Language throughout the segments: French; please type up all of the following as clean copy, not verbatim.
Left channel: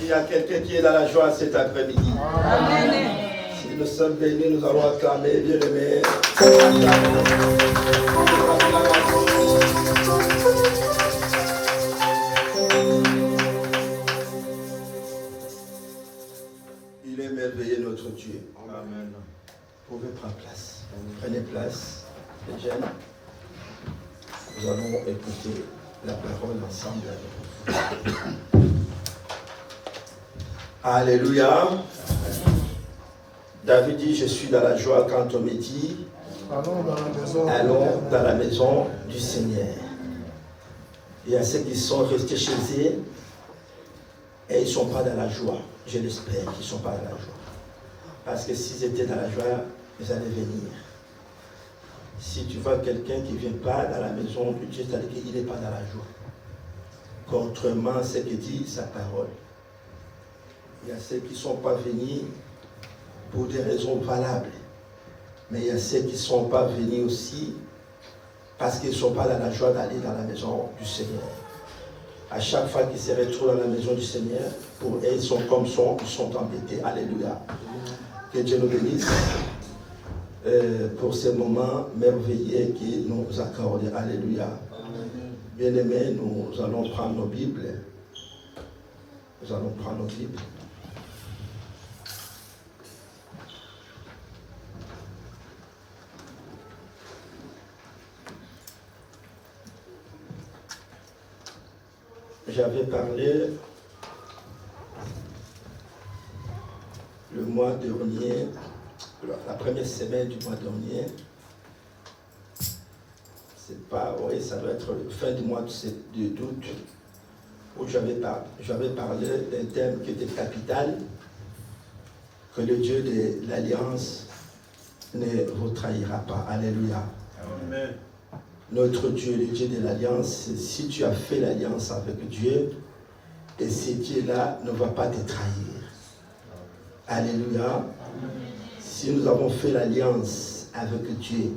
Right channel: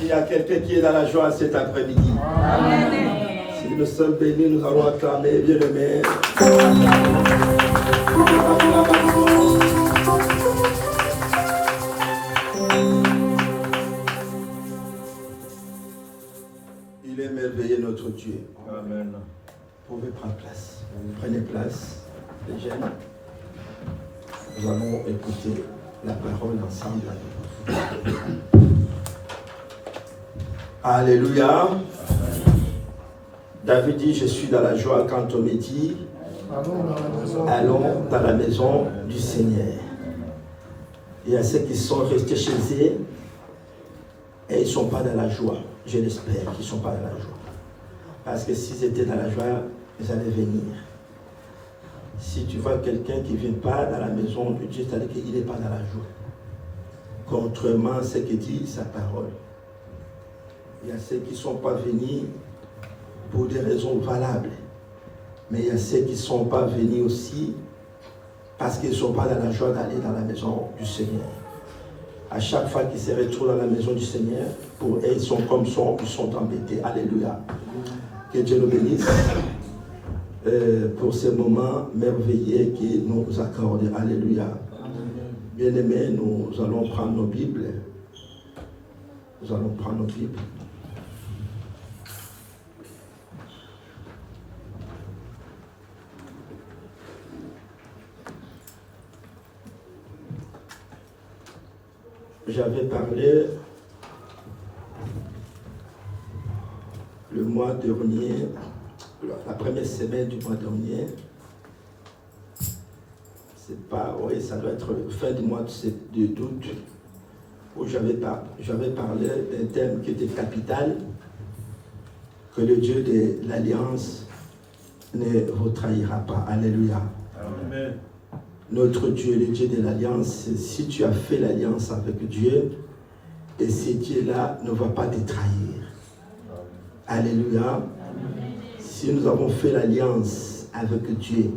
Il y a quelqu'un qui est dans la joie cet après-midi. Si nous sommes bénis, nous allons acclamer, bien-aimés. Il est merveilleux notre Dieu. Amen. Vous pouvez prendre place. Prenez place, les jeunes. Nous allons écouter la parole ensemble. Alléluia. David dit, je suis dans la joie quand on me dit, allons dans la maison du Seigneur. Il y a ceux qui sont restés chez eux et ils ne sont pas dans la joie. Je l'espère qu'ils ne sont pas dans la joie. Parce que s'ils étaient dans la joie, ils allaient venir. Si tu vois quelqu'un qui ne vient pas dans la maison de Dieu, c'est-à-dire qu'il n'est pas dans la joie. Contrairement à ce que dit sa parole. Il y a ceux qui ne sont pas venus pour des raisons valables. Mais il y a ceux qui ne sont pas venus aussi parce qu'ils ne sont pas dans la joie d'aller dans la maison du Seigneur. À chaque fois qu'ils se retrouvent dans la maison du Seigneur, pour eux, ils sont comme ça, ils sont embêtés. Alléluia. Que Dieu nous bénisse pour ces moments merveilleux qu'il nous accorde. Alléluia. Bien-aimés, nous allons prendre nos Bibles. Nous allons prendre nos Bibles. J'avais parlé le mois dernier, la première semaine du mois dernier, c'est pas, oui, ça doit être fin du mois d'août, où j'avais parlé d'un thème qui était capital, que le Dieu de l'Alliance ne vous trahira pas. Alléluia. Amen. Notre Dieu, le Dieu de l'Alliance, si tu as fait l'alliance avec Dieu, et ce Dieu-là ne va pas te trahir. Alléluia. Si nous avons fait l'alliance avec Dieu,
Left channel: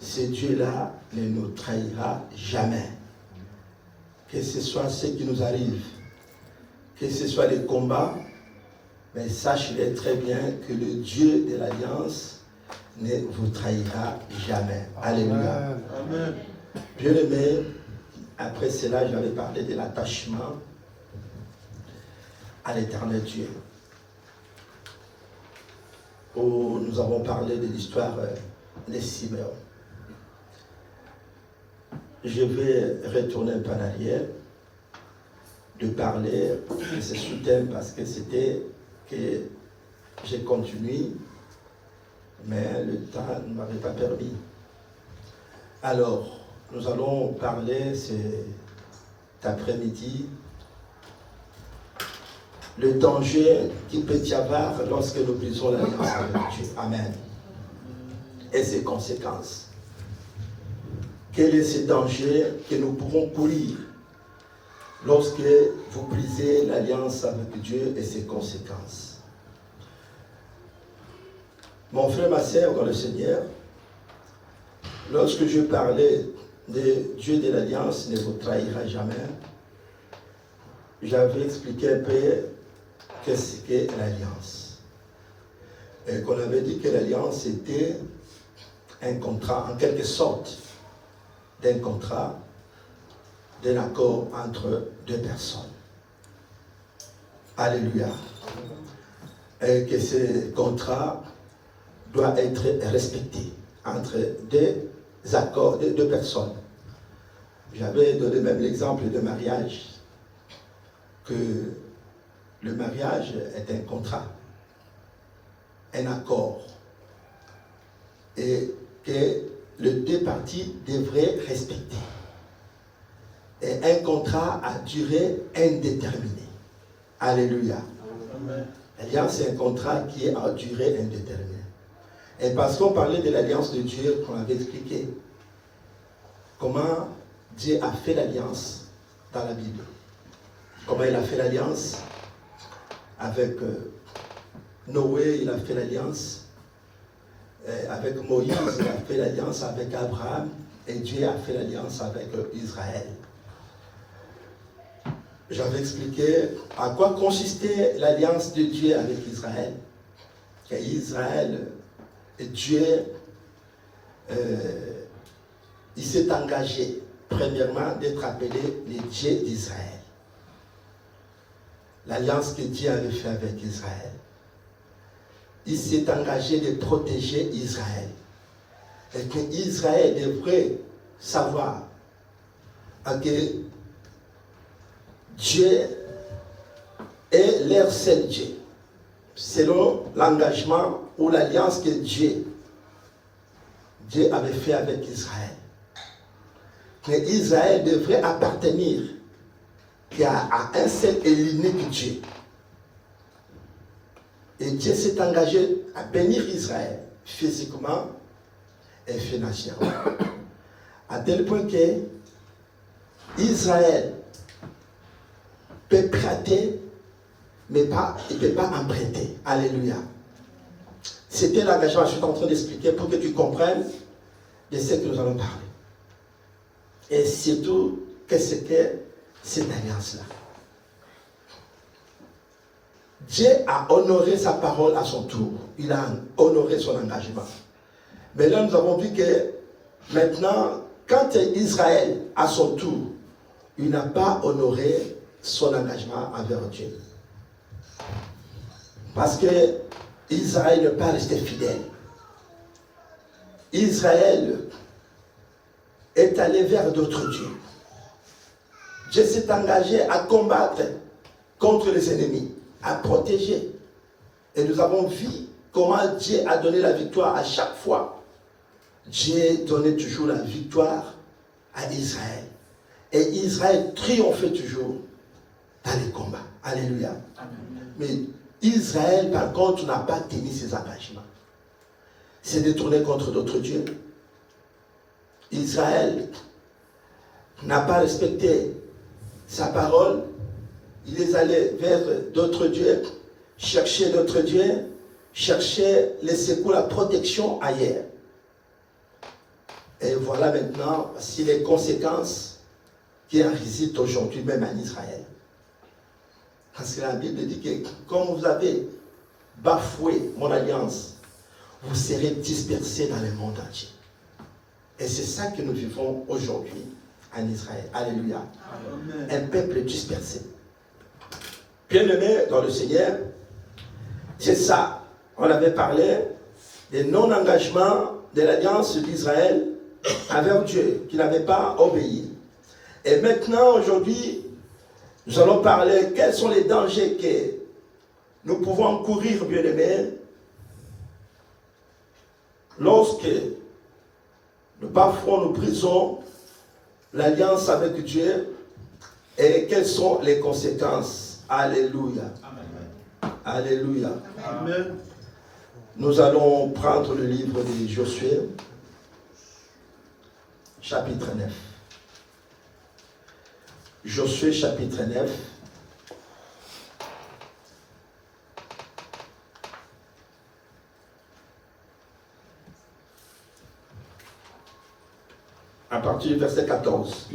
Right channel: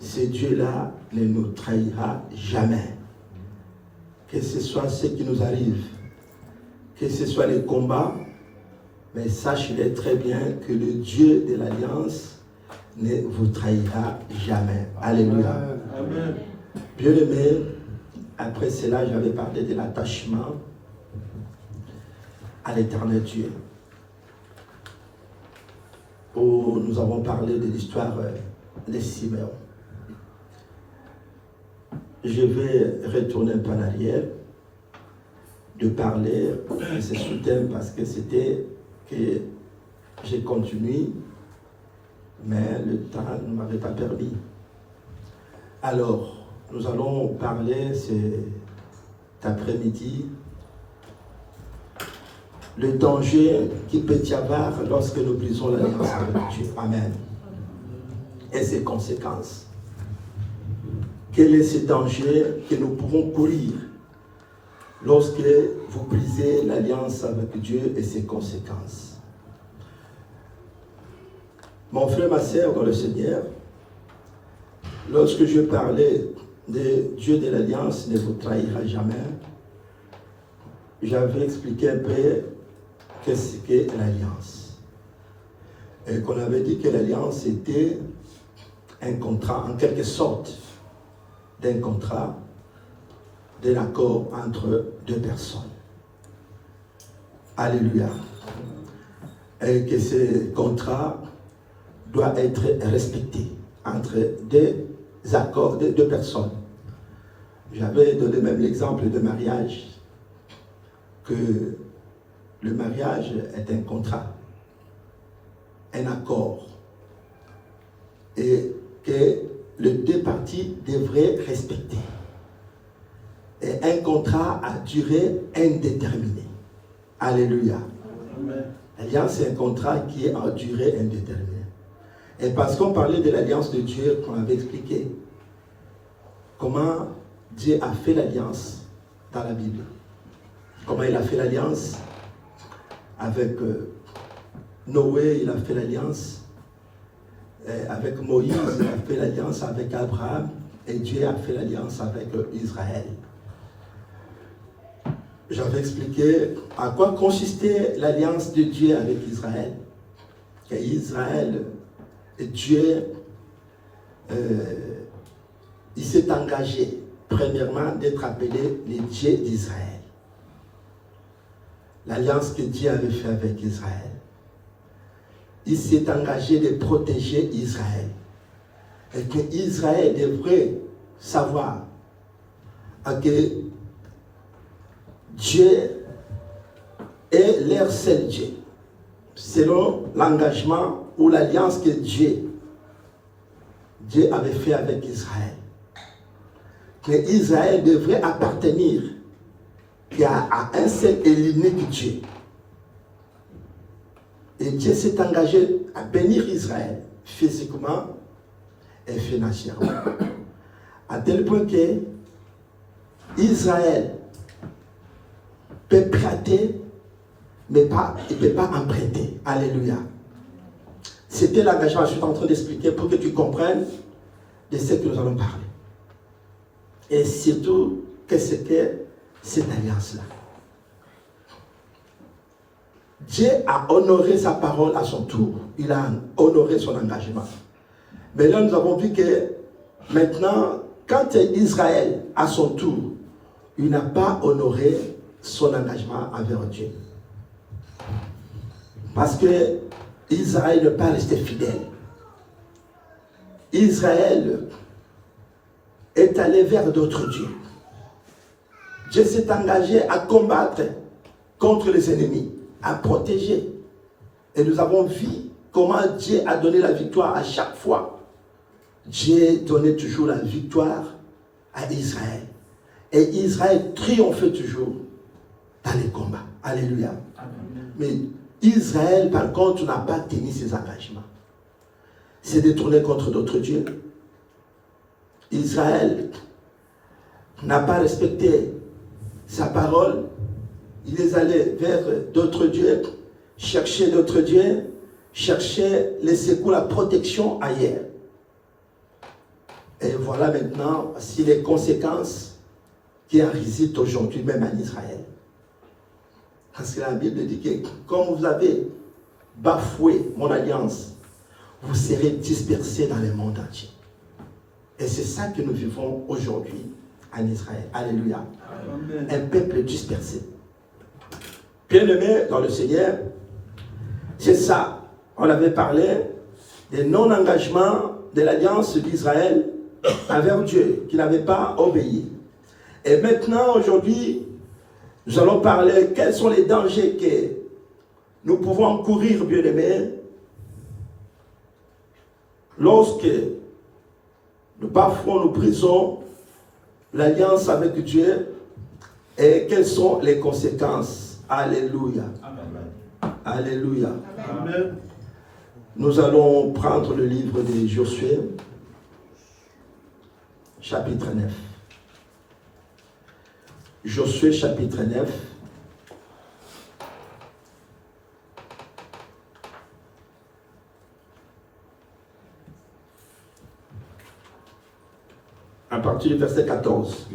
ce Dieu-là ne nous trahira jamais. Que ce soit ce qui nous arrive, que ce soit les combats, mais sachez très bien que le Dieu de l'Alliance ne vous trahira jamais. Alléluia. Amen. Bien-aimés, après cela, j'avais parlé de l'attachement à l'éternel Dieu. Où nous avons parlé de l'histoire de Siméon. Je vais retourner un peu en arrière, de parler de ce sous-thème parce que c'était que j'ai continué, mais le temps ne m'avait pas permis. Alors, nous allons parler cet après-midi le danger qu'il peut y avoir lorsque nous brisons l'alliance avec Dieu. Amen. Et ses conséquences. Quel est ce danger que nous pouvons courir lorsque vous brisez l'alliance avec Dieu et ses conséquences? Mon frère, ma sœur dans le Seigneur, lorsque je parlais de Dieu de l'Alliance ne vous trahira jamais, j'avais expliqué un peu qu'est-ce qu'est l'Alliance. Et qu'on avait dit que l'Alliance était un contrat, en quelque sorte, d'un contrat, d'un accord entre deux personnes. Alléluia. Et que ce contrat doit être respecté entre deux accords, deux personnes. J'avais donné même l'exemple de mariage, que le mariage est un contrat, un accord, et que les deux parties devraient respecter. Et un contrat à durée indéterminée. Alléluia. L'alliance, c'est un contrat qui est à durée indéterminée. Et parce qu'on parlait de l'alliance de Dieu, qu'on avait expliqué comment Dieu a fait l'alliance dans la Bible. Comment il a fait l'alliance avec Noé, il a fait l'alliance avec Moïse, il a fait l'alliance avec Abraham, et Dieu a fait l'alliance avec Israël. j'avais expliqué à quoi consistait l'alliance de Dieu avec Israël. Que Israël, Dieu, il s'est engagé, premièrement, d'être appelé le Dieu d'Israël. L'alliance que Dieu avait faite avec Israël. Il s'est engagé de protéger Israël. Et que Israël devrait savoir que Dieu est leur seul Dieu. Selon l'engagement ou l'alliance que Dieu avait fait avec Israël. Que Israël devrait appartenir à un seul et l'unique Dieu. Et Dieu s'est engagé à bénir Israël physiquement et financièrement. À tel point que Israël peut prêter, mais il ne peut pas emprunter. Alléluia. C'était l'engagement que je suis en train d'expliquer pour que tu comprennes de ce que nous allons parler. Et surtout, qu'est-ce que cette alliance-là? Dieu a honoré sa parole à son tour. Il a honoré son engagement. Mais là, nous avons vu que maintenant, quand Israël, à son tour, il n'a pas honoré son engagement envers Dieu. Parce que Israël n'est pas resté fidèle. Israël est allé vers d'autres dieux. Dieu s'est engagé à combattre contre les ennemis, à protéger. Et nous avons vu comment Dieu a donné la victoire à chaque fois. Dieu donnait toujours la victoire à Israël. Et Israël triomphait toujours dans les combats. Alléluia. Amen. Mais Israël, par contre, n'a pas tenu ses engagements. S'est détourné contre d'autres dieux. Israël n'a pas respecté sa parole. Il est allé vers d'autres dieux, chercher d'autres dieux, chercher les secours, la protection ailleurs. Et voilà maintenant si les conséquences qui en résident aujourd'hui même en Israël. Parce que la Bible dit que comme vous avez bafoué mon alliance, vous serez dispersés dans le monde entier. Et c'est ça que nous vivons aujourd'hui en Israël. Alléluia. Amen. Un peuple dispersé. Bien-aimés dans le Seigneur, c'est ça. On avait parlé des non-engagements de l'alliance d'Israël envers Dieu, qui n'avait pas obéi. Et maintenant, aujourd'hui, nous allons parler quels sont les dangers que nous pouvons courir, bien-aimés, lorsque nous bafouons, nous brisons l'alliance avec Dieu et quelles sont les conséquences. Alléluia. Amen. Alléluia. Amen. Nous allons prendre le livre de Josué, chapitre 9. Josué, chapitre 9. À partir du verset 14.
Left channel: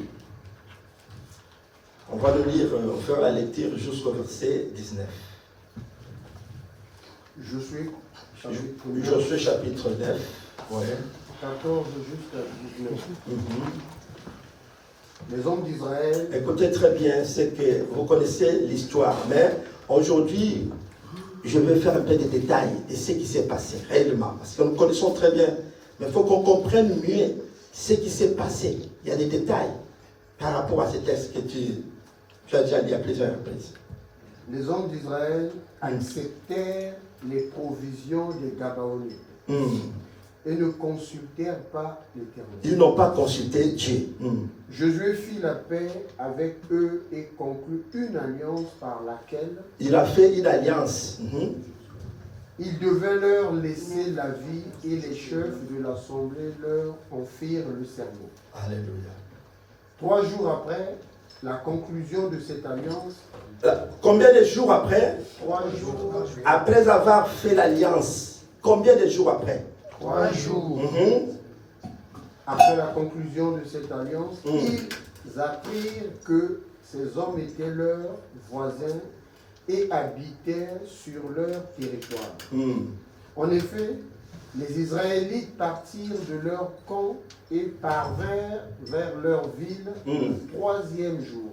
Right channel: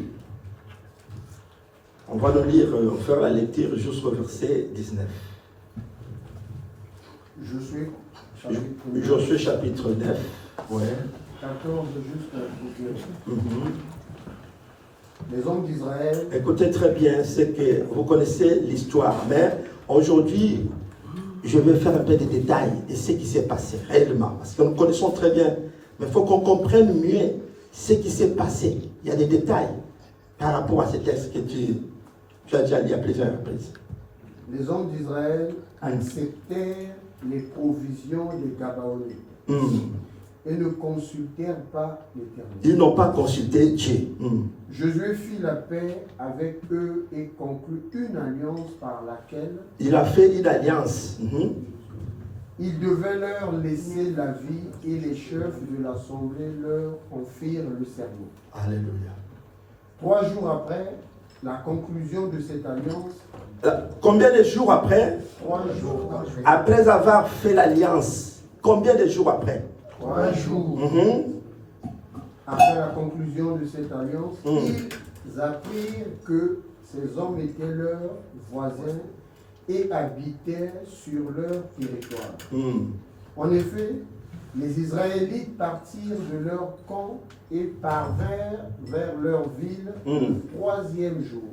On va nous lire, faire la lecture jusqu'au verset 19. Josué chapitre 9. Ouais. 14 jusqu'à 19. Les hommes d'Israël. Écoutez très bien, c'est que vous connaissez l'histoire, mais aujourd'hui, je vais faire un peu des détails de ce qui s'est passé réellement. Parce que nous connaissons très bien, mais il faut qu'on comprenne mieux ce qui s'est passé. Il y a des détails par rapport à ce texte que tu as déjà lu à plusieurs reprises. Les hommes d'Israël acceptèrent les provisions des Gabaonites et ne consultèrent pas l'Éternel. Ils n'ont pas consulté Dieu. Josué fit la paix avec eux et conclut une alliance par laquelle il a fait une alliance. Il devait leur laisser la vie et les chefs de l'assemblée leur en firent le serment. Alléluia. 3 jours après la conclusion de cette alliance. Combien de jours après? 3 jours. Après avoir fait l'alliance. Combien de jours après? 3 jours. Après la conclusion de cette alliance, ils apprirent que Ces hommes étaient leurs voisins et habitaient sur leur territoire. En effet, les Israélites partirent de leur camp et parvinrent vers leur ville le troisième jour.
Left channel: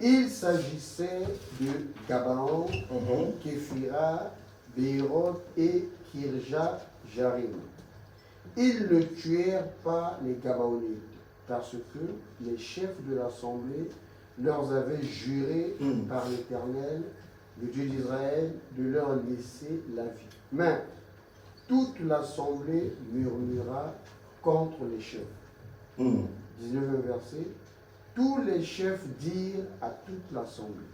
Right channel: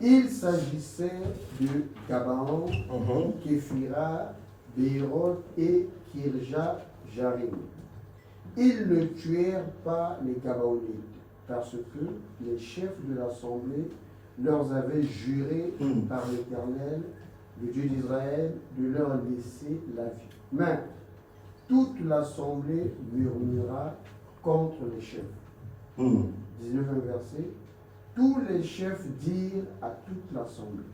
Il s'agissait de Gabaon, Képhira, Béroth et Kirja-Jarim. Ils ne tuèrent pas les Gabaonites, parce que les chefs de l'assemblée leur avaient juré par l'Éternel, le Dieu d'Israël, de leur laisser la vie. Mais toute l'assemblée murmura contre les chefs. 19e verset. Tous les chefs dirent à toute l'assemblée:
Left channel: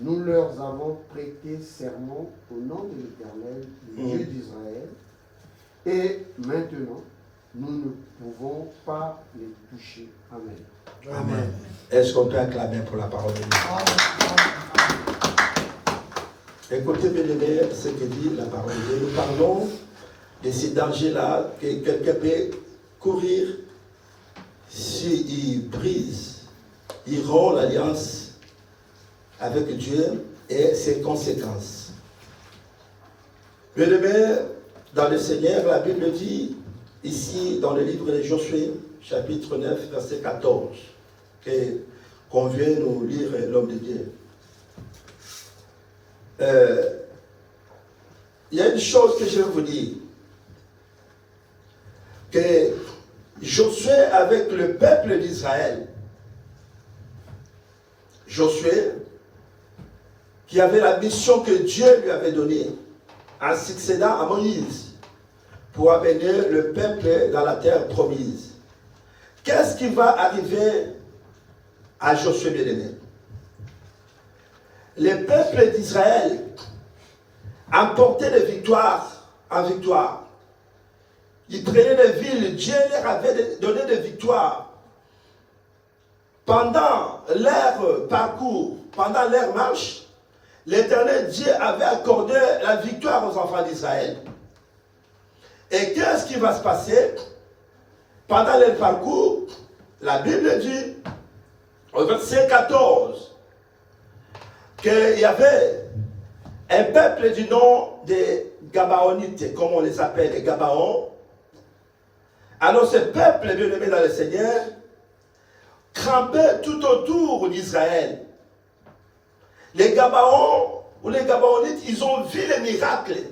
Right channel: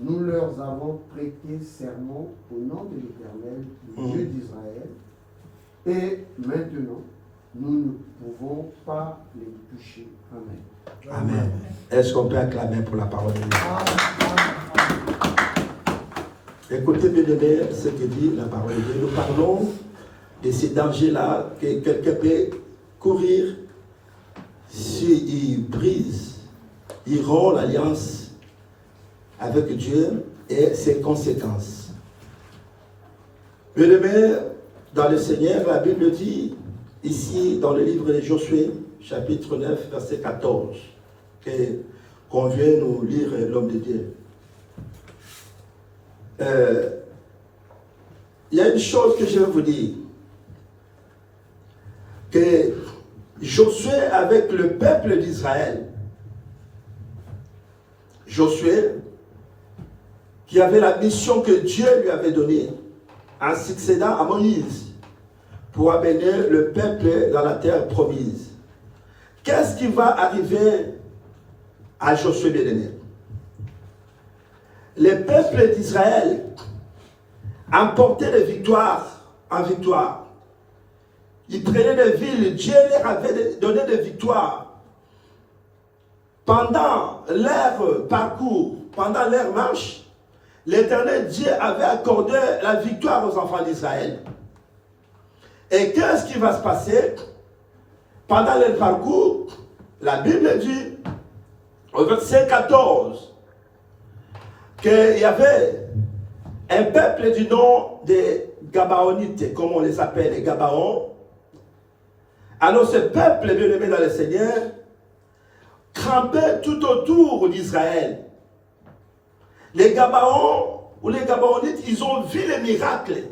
nous leur avons prêté serment au nom de l'Éternel, le Dieu d'Israël, et maintenant nous ne pouvons pas les toucher. Amen. Amen. Est-ce qu'on peut acclamer pour la parole de Dieu? Écoutez bien ce que dit la parole de Dieu. Nous parlons de ces dangers-là que quelqu'un peut courir s'il brise, il rompt l'alliance avec Dieu et ses conséquences. Bien-aimés, dans le Seigneur, la Bible dit, ici dans le livre de Josué, chapitre 9, verset 14, qu'on vient nous lire l'homme de Dieu. Il y a une chose que je veux vous dire, que Josué avec le peuple d'Israël, Josué, qui avait la mission que Dieu lui avait donnée, en succédant à Moïse, pour amener le peuple dans la terre promise. Qu'est-ce qui va arriver à Josué bien-aimé? Le peuple d'Israël emportait de victoire en victoire. Ils prenaient des villes, Dieu leur avait donné des victoires. Pendant leur parcours, pendant leur marche, l'Éternel Dieu avait accordé la victoire aux enfants d'Israël. Et qu'est-ce qui va se passer? Pendant leur parcours, la Bible dit, au verset 14, qu'il y avait un peuple du nom des Gabaonites, comme on les appelle, les Gabaons. Alors ce peuple bien-aimé dans le Seigneur campait tout autour d'Israël. Les Gabaons ou les Gabaonites, ils ont vu les miracles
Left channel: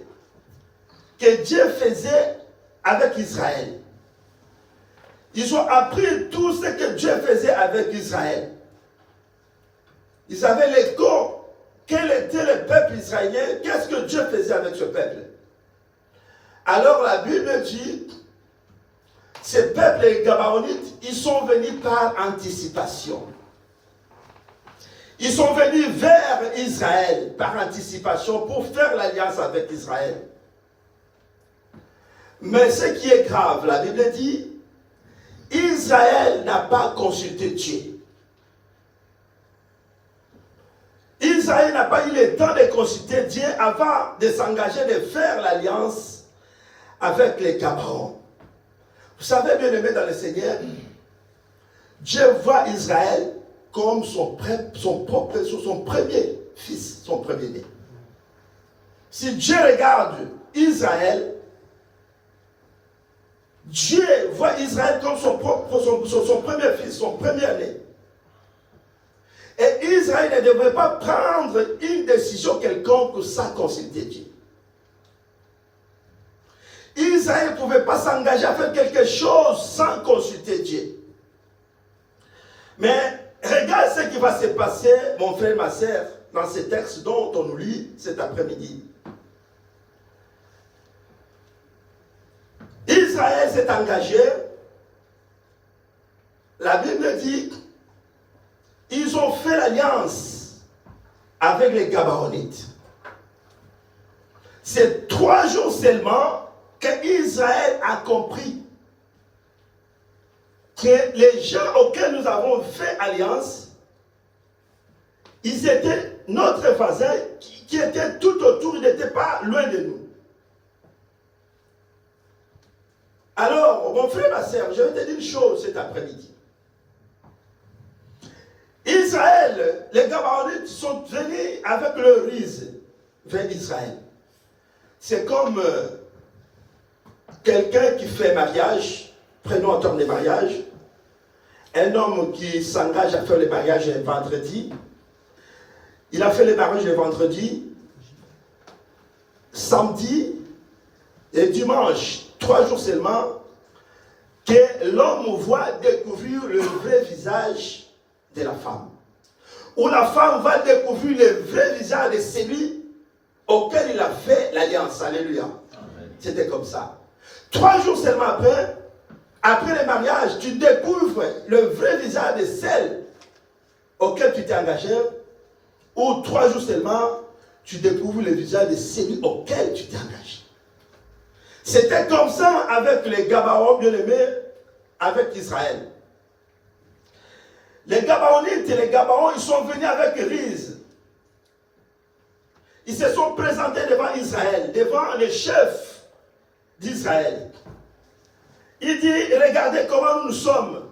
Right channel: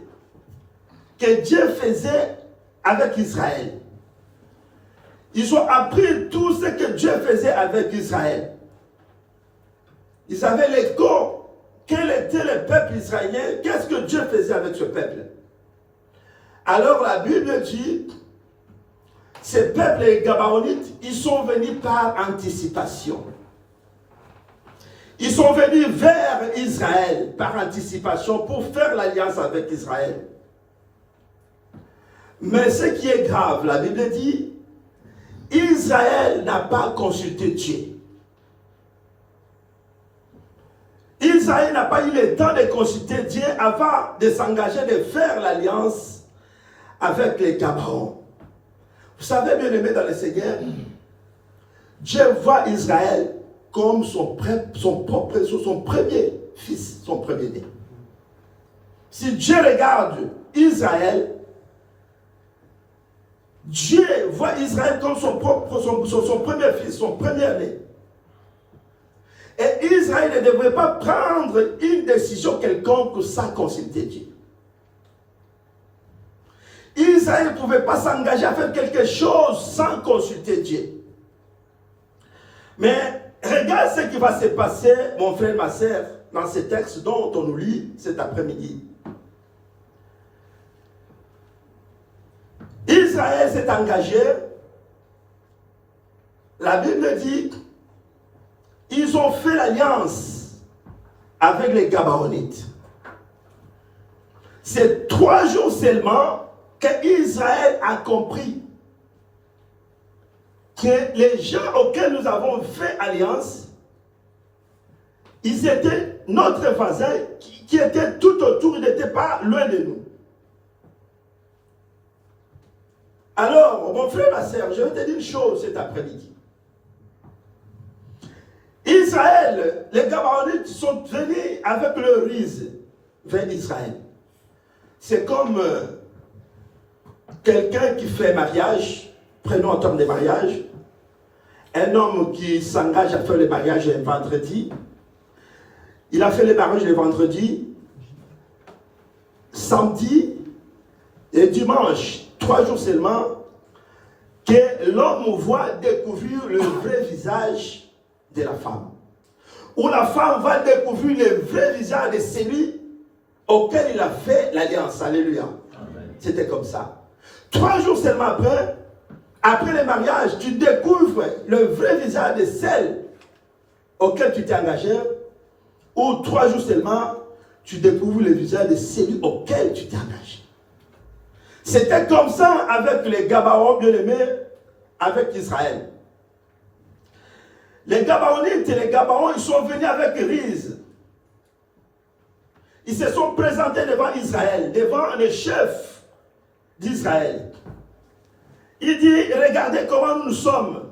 que Dieu faisait avec Israël. Ils ont appris tout ce que Dieu faisait avec Israël. Ils avaient l'écho. Quel était le peuple israélien? Qu'est-ce que Dieu faisait avec ce peuple? Alors la Bible dit, ces peuples, les Gabaonites, ils sont venus par anticipation. Ils sont venus vers Israël par anticipation pour faire l'alliance avec Israël. Mais ce qui est grave, la Bible dit, Israël n'a pas consulté Dieu. Israël n'a pas eu le temps de consulter Dieu avant de s'engager, de faire l'alliance avec les Gabaons. Vous savez, bien aimé dans le Seigneur, Dieu voit Israël comme son premier fils, son premier-né. Si Dieu regarde Israël, Dieu voit Israël comme son premier fils, son premier-né. Et Israël ne devrait pas prendre une décision quelconque sans consulter Dieu. Israël ne pouvait pas s'engager à faire quelque chose sans consulter Dieu. Mais regarde ce qui va se passer, mon frère, ma soeur, dans ces textes dont on nous lit cet après-midi. Israël s'est engagé. La Bible dit, ils ont fait l'alliance avec les Gabaonites. C'est 3 jours seulement qu'Israël a compris que les gens auxquels nous avons fait alliance, ils étaient notre voisin qui était tout autour, ils n'étaient pas loin de nous. Alors, mon frère, ma soeur, je vais te dire une chose cet après-midi. Israël, les Gabaonites sont venus avec le riz vers Israël. C'est comme quelqu'un qui fait mariage, prenons en termes de mariage, un homme qui s'engage à faire le mariage un vendredi, il a fait le mariage le vendredi, samedi et dimanche, 3 jours seulement, que l'homme voit découvrir le vrai visage de la femme. Ou la femme va découvrir le vrai visage de celui auquel il a fait l'alliance. Alléluia. C'était comme ça. 3 jours seulement après le mariage, tu découvres le vrai visage de celle auquel tu t'es engagé. Ou 3 jours seulement, tu découvres le visage de celui auquel tu t'es engagé. C'était comme ça avec les Gabaons bien-aimés, avec Israël. Les Gabaonites et les Gabaons, ils sont venus avec riz. Ils se sont présentés devant Israël, devant le chef d'Israël. Il dit, regardez comment nous sommes.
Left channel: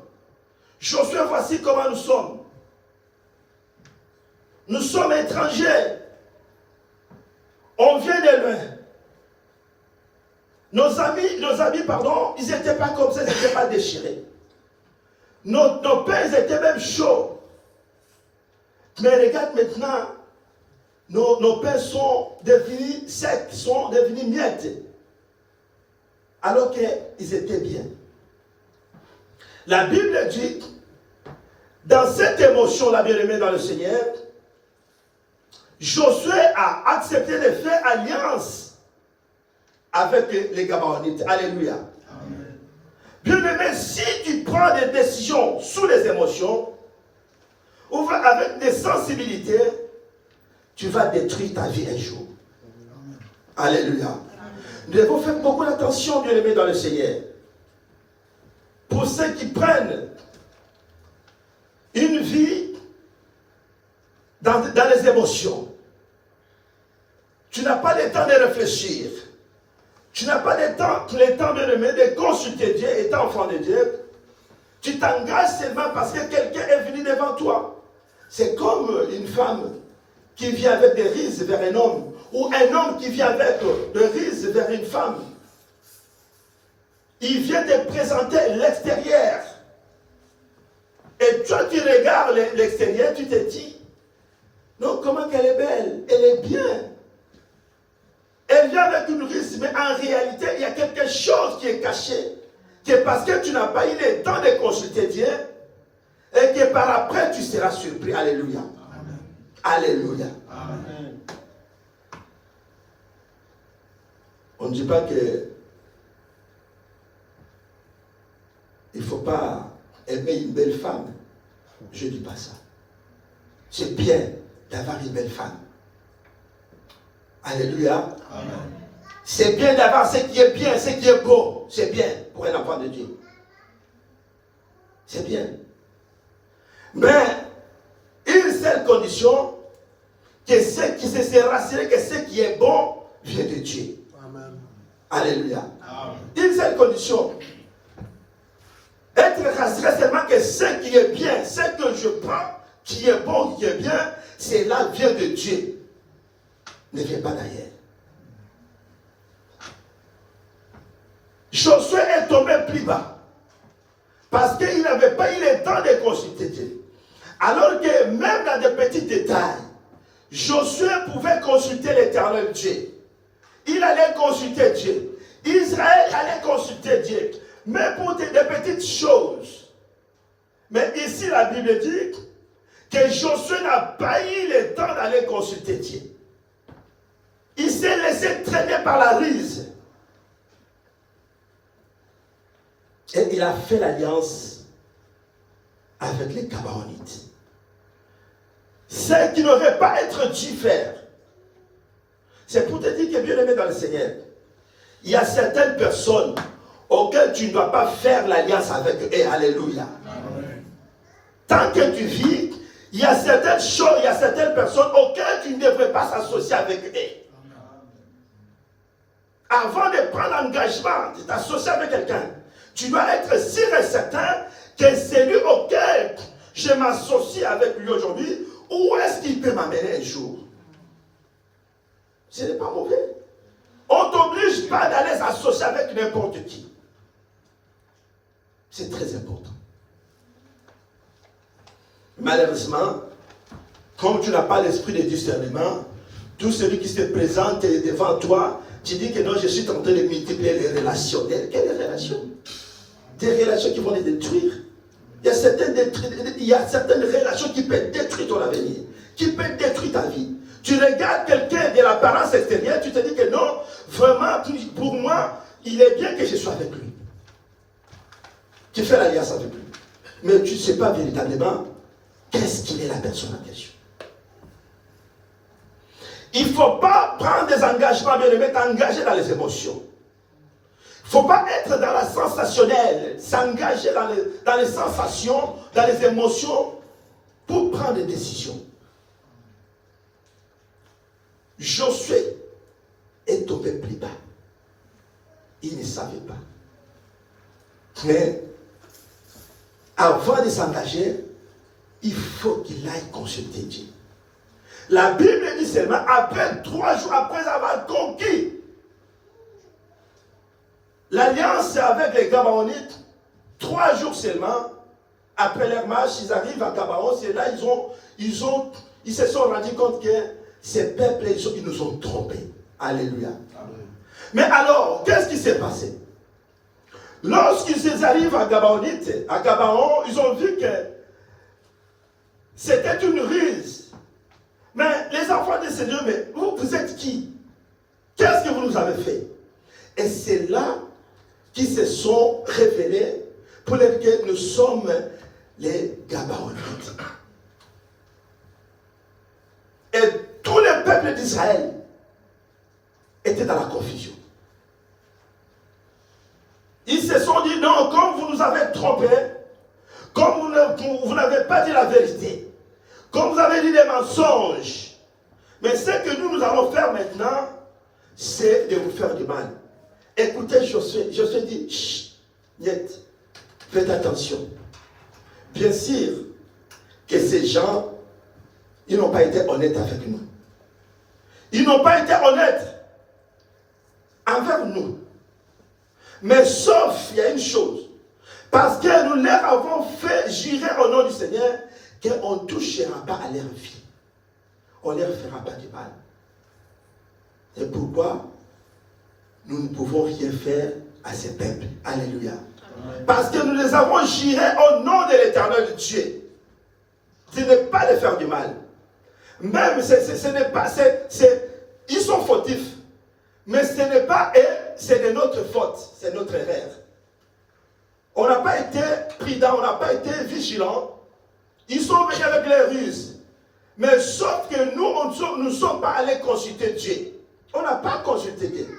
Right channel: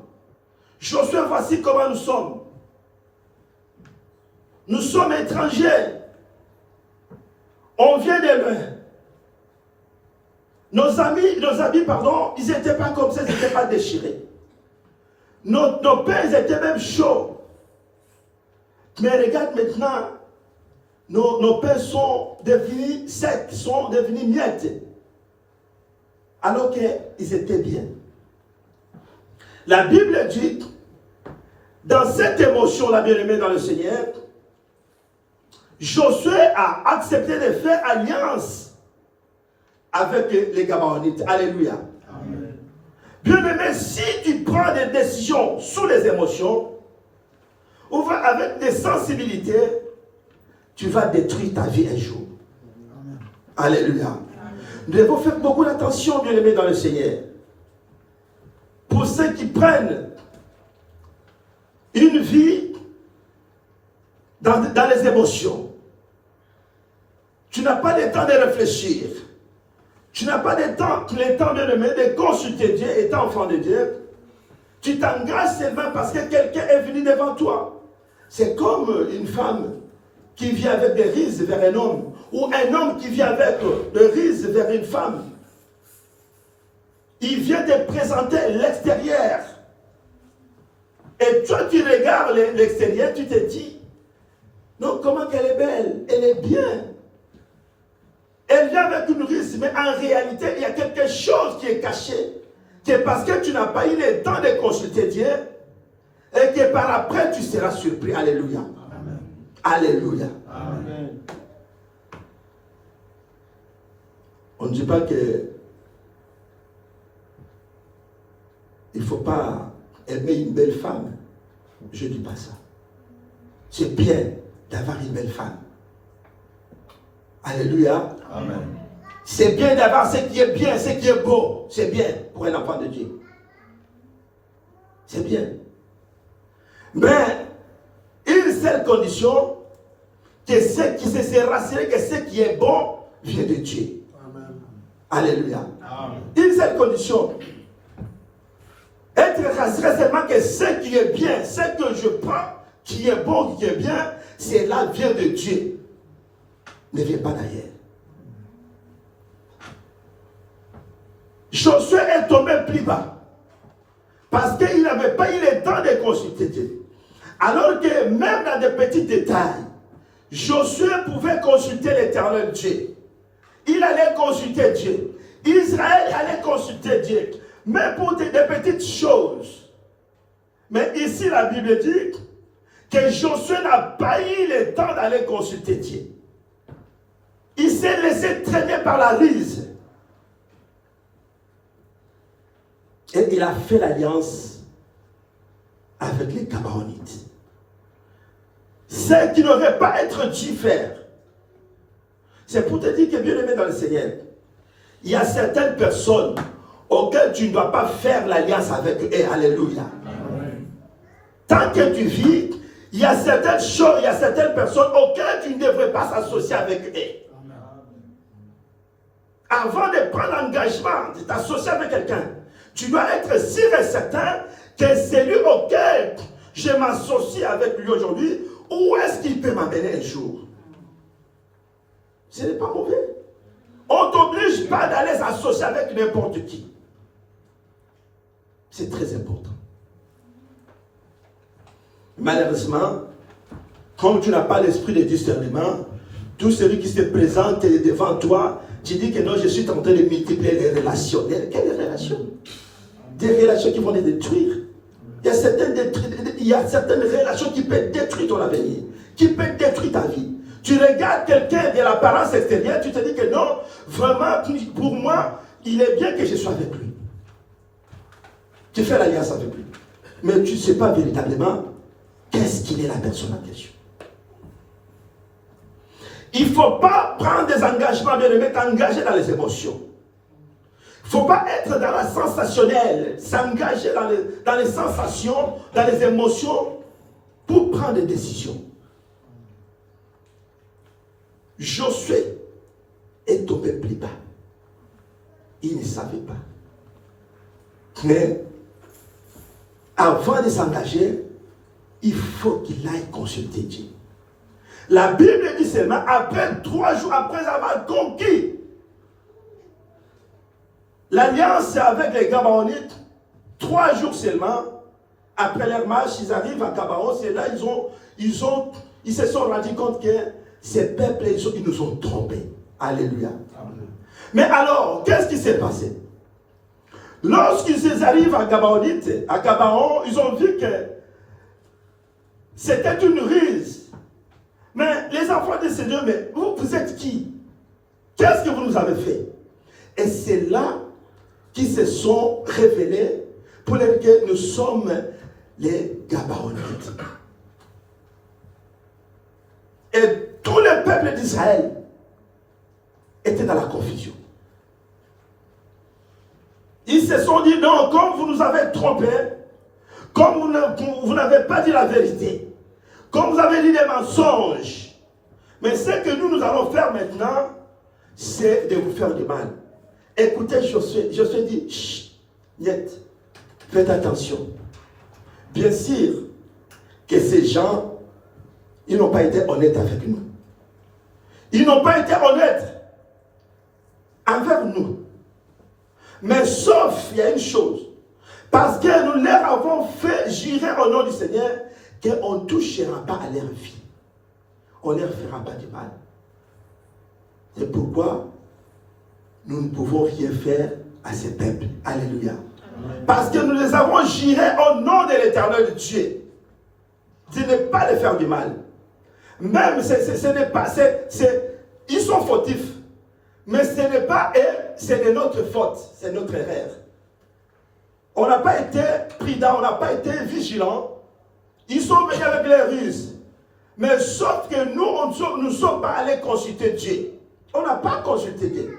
Josué, voici comment nous sommes. Nous sommes étrangers. On vient de loin. Nos amis, ils n'étaient pas comme ça, ils n'étaient pas déchirés. Nos pères étaient même chauds. Mais regarde maintenant, nos pères sont devenus secs, sont devenus miettes. Alors qu'ils étaient bien. La Bible dit, dans cette émotion, la bien-aimée dans le Seigneur, Josué a accepté de faire alliance avec les Gabaonites. Alléluia. Amen. Bien-aimé, si tu prends des décisions sous les émotions, ou avec des sensibilités, tu vas détruire ta vie un jour. Amen. Alléluia. Amen. Nous devons faire beaucoup d'attention, bien-aimé dans le Seigneur. Pour ceux qui prennent une vie dans les émotions, tu n'as pas le temps de réfléchir. Tu n'as pas le temps, bien-aimé, de consulter Dieu, étant enfant de Dieu. Tu t'engages seulement parce que quelqu'un est venu devant toi. C'est comme une femme qui vient avec des riz vers un homme, ou un homme qui vient avec des riz vers une femme. Il vient te présenter l'extérieur. Et toi, tu regardes l'extérieur, tu te dis, non, comment qu'elle est belle, elle est bien. Elle vient avec une riz, mais en réalité, il y a quelque chose qui est caché. Que parce que tu n'as pas eu le temps de consulter Dieu, et que par après, tu seras surpris. Alléluia. Amen. Alléluia. Amen. On ne dit pas que il ne faut pas aimer une belle femme. Je ne dis pas ça. C'est bien d'avoir une belle femme. Alléluia. Amen. C'est bien d'avoir ce qui est bien, ce qui est beau. C'est bien pour un enfant de Dieu. C'est bien. Mais, une seule condition, que ce qui se rassurer que ce qui est bon vient de Dieu. Amen. Alléluia. Amen. Une seule condition. Être rassuré seulement que ce qui est bien, ce que je prends, qui est bon, qui est bien, cela vient de Dieu. Ne vient pas d'ailleurs. Josué est tombé plus bas. Parce qu'il n'avait pas eu le temps de consulter Dieu. Alors que même dans des petits détails, Josué pouvait consulter l'Éternel Dieu. Il allait consulter Dieu. Israël allait consulter Dieu. Mais pour des petites choses. Mais ici, la Bible dit que Josué n'a pas eu le temps d'aller consulter Dieu. Il s'est laissé traîner par la riz. Et il a fait l'alliance avec les Gabaonites. Ce qui n'aurait pas être dû faire. C'est pour te dire que, bien aimé dans le Seigneur, il y a certaines personnes auxquelles tu ne dois pas faire l'alliance avec eux. Alléluia. Amen. Tant que tu vis, il y a certaines choses, il y a certaines personnes auxquelles tu ne devrais pas s'associer avec eux. Avant de prendre l'engagement de t'associer avec quelqu'un, tu dois être sûr et certain que celui auquel je m'associe avec lui aujourd'hui, où est-ce qu'il peut m'amener un jour? Ce n'est pas mauvais. On ne t'oblige pas d'aller s'associer avec n'importe qui. C'est très important. Malheureusement, comme tu n'as pas l'esprit de discernement, tout celui qui se présente devant toi, tu dis que non, je suis en train de multiplier les relations. Quelles relations? Des relations qui vont les détruire. Il y a certaines relations qui peuvent détruire ton avenir, qui peuvent détruire ta vie. Tu regardes quelqu'un de l'apparence extérieure, tu te dis que non, vraiment, pour moi, il est bien que je sois avec lui. Tu fais l'alliance avec lui. Mais tu ne sais pas véritablement qu'est-ce qu'il est la personne en question. Il ne faut pas prendre des engagements, bien aimé, t'engager dans les émotions. Il ne faut pas être dans la sensationnelle, s'engager dans les sensations, dans les émotions, pour prendre des décisions. Josué est tombé plus bas. Il ne savait pas. Mais avant de s'engager, il faut qu'il aille consulter Dieu. La Bible dit seulement, après 3 jours, après avoir conquis l'alliance avec les Gabaonites, 3 jours seulement, après leur marche, ils arrivent à Gabaon, c'est là ils se sont rendus compte que ces peuples, ils nous ont trompés. Alléluia. Amen. Mais alors, qu'est-ce qui s'est passé? Lorsqu'ils arrivent à Gabaon, ils ont vu que c'était une ruse. Mais les enfants de Seigneur, mais vous êtes qui? Qu'est-ce que vous nous avez fait? Et c'est là qu'ils se sont révélés pour dire que nous sommes les Gabaonites. Et tous les peuples d'Israël étaient dans la confusion. Ils se sont dit, non, comme vous nous avez trompés, comme vous n'avez pas dit la vérité, comme vous avez dit des mensonges, mais ce que nous allons faire maintenant, c'est de vous faire du mal. Écoutez Josué dit, chut, niet, faites attention. Bien sûr que ces gens, ils n'ont pas été honnêtes avec nous. Ils n'ont pas été honnêtes envers nous. Mais sauf, il y a une chose. Parce que nous leur avons fait jurer au nom du Seigneur qu'on ne touchera pas à leur vie. On ne leur fera pas du mal. C'est pourquoi nous ne pouvons rien faire à ces peuples. Alléluia. Parce que nous les avons jurés au nom de l'Éternel Dieu. De ne pas les faire du mal. Même, ce n'est pas, ils sont fautifs. Mais ce n'est pas eux, c'est de notre faute, c'est notre erreur. On n'a pas été prudent, on n'a pas été vigilant. Ils sont venus avec les ruses. Mais sauf que nous ne sommes pas allés consulter Dieu. On n'a pas consulté Dieu.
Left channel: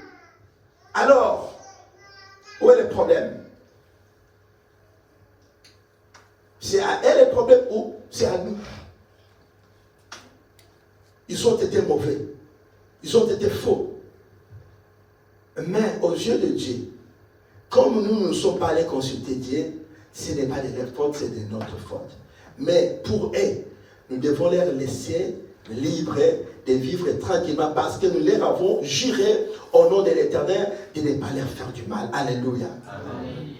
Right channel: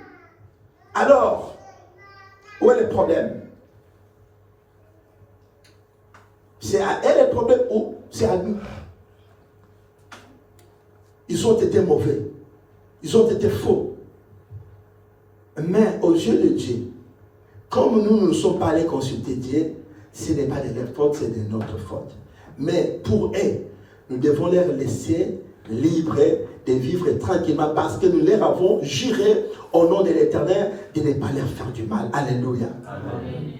Alors, où est le problème? C'est à eux le problème ou c'est à nous? Ils ont été mauvais. Ils ont été faux. Mais aux yeux de Dieu, comme nous ne sommes pas allés consulter Dieu, ce n'est pas de leur faute, c'est de notre faute. Mais pour eux, nous devons leur laisser libres de vivre tranquillement parce que nous leur avons juré au nom de l'Éternel de ne pas leur faire du mal. Alléluia. Amen.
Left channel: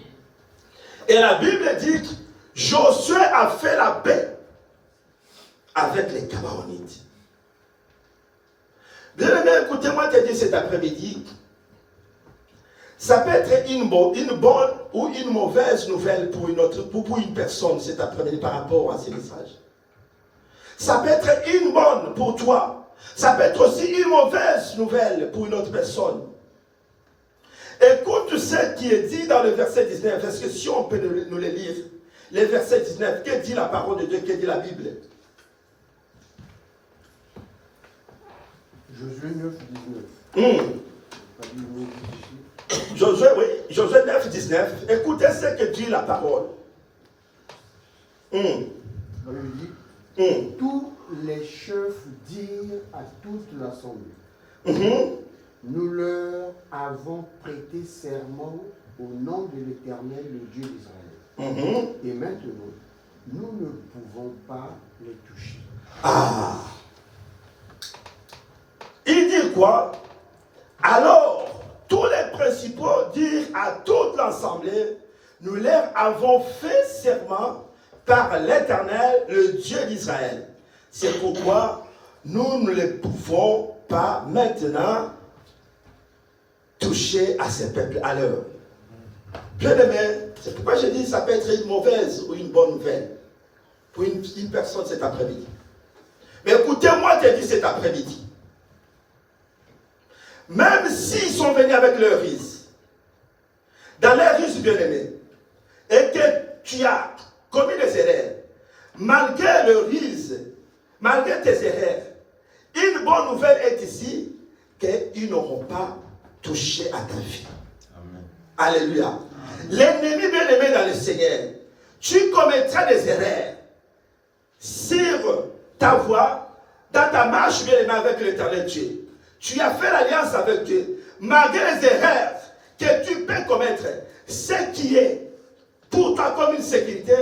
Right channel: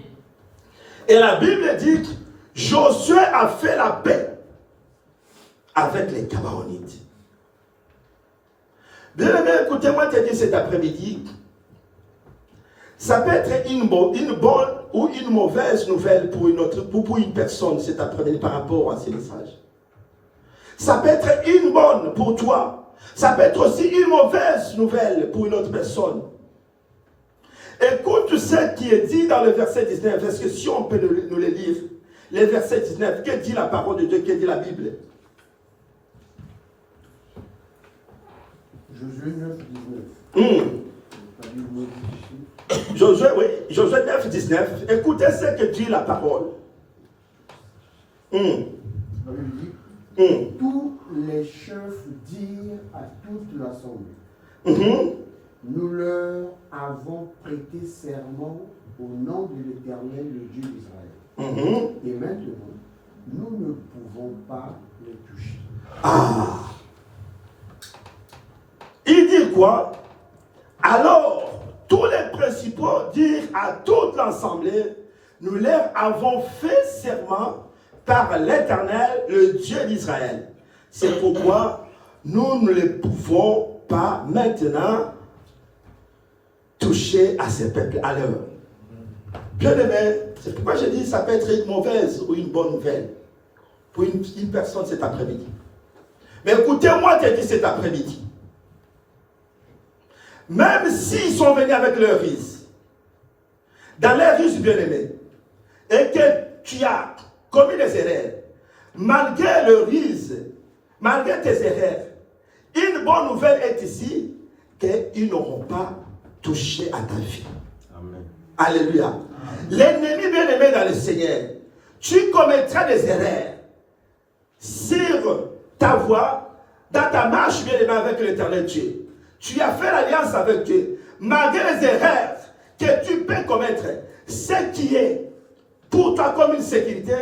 Et la Bible dit que Josué a fait la paix avec les Gabaonites. Bien aimé, écoutez-moi te dire cet après-midi, ça peut être une bonne ou une mauvaise nouvelle pour une personne cet après-midi par rapport à ces messages. Ça peut être une bonne pour toi. Ça peut être aussi une mauvaise nouvelle pour une autre personne. Écoute ce qui est dit dans le verset 19, parce que si on peut nous le lire, le verset 19, que dit la parole de Dieu, que dit la Bible? Josué 9, 19. Josué 9, 19. Écoutez ce que dit la parole. Tous les chefs dirent à toute l'assemblée, nous leur avons prêté serment au nom de l'Éternel, le Dieu d'Israël. Et maintenant, nous ne pouvons pas les toucher. Ah. Il dit quoi? Alors, tous les principaux dirent à toute l'assemblée, nous leur avons fait serment par l'Éternel, le Dieu d'Israël. C'est pourquoi nous ne les pouvons pas maintenant toucher à ces peuples à l'heure. Bien aimé, c'est pourquoi je dis que ça peut être une mauvaise ou une bonne nouvelle pour une personne cet après-midi. Mais écoutez-moi te dire cet après-midi. Même s'ils sont venus avec leur risque, dans leur risque bien aimé, et que tu as commis des erreurs, malgré le risque, malgré tes erreurs, une bonne nouvelle est ici, qu'ils n'auront pas touché à ta vie. Amen. Alléluia. L'ennemi bien aimé dans le Seigneur, tu commettras des erreurs sur ta voie, dans ta marche bien aimé avec l'Éternel Dieu. Tu as fait l'alliance avec Dieu. Malgré les erreurs que tu peux commettre, ce qui est pour toi comme une sécurité,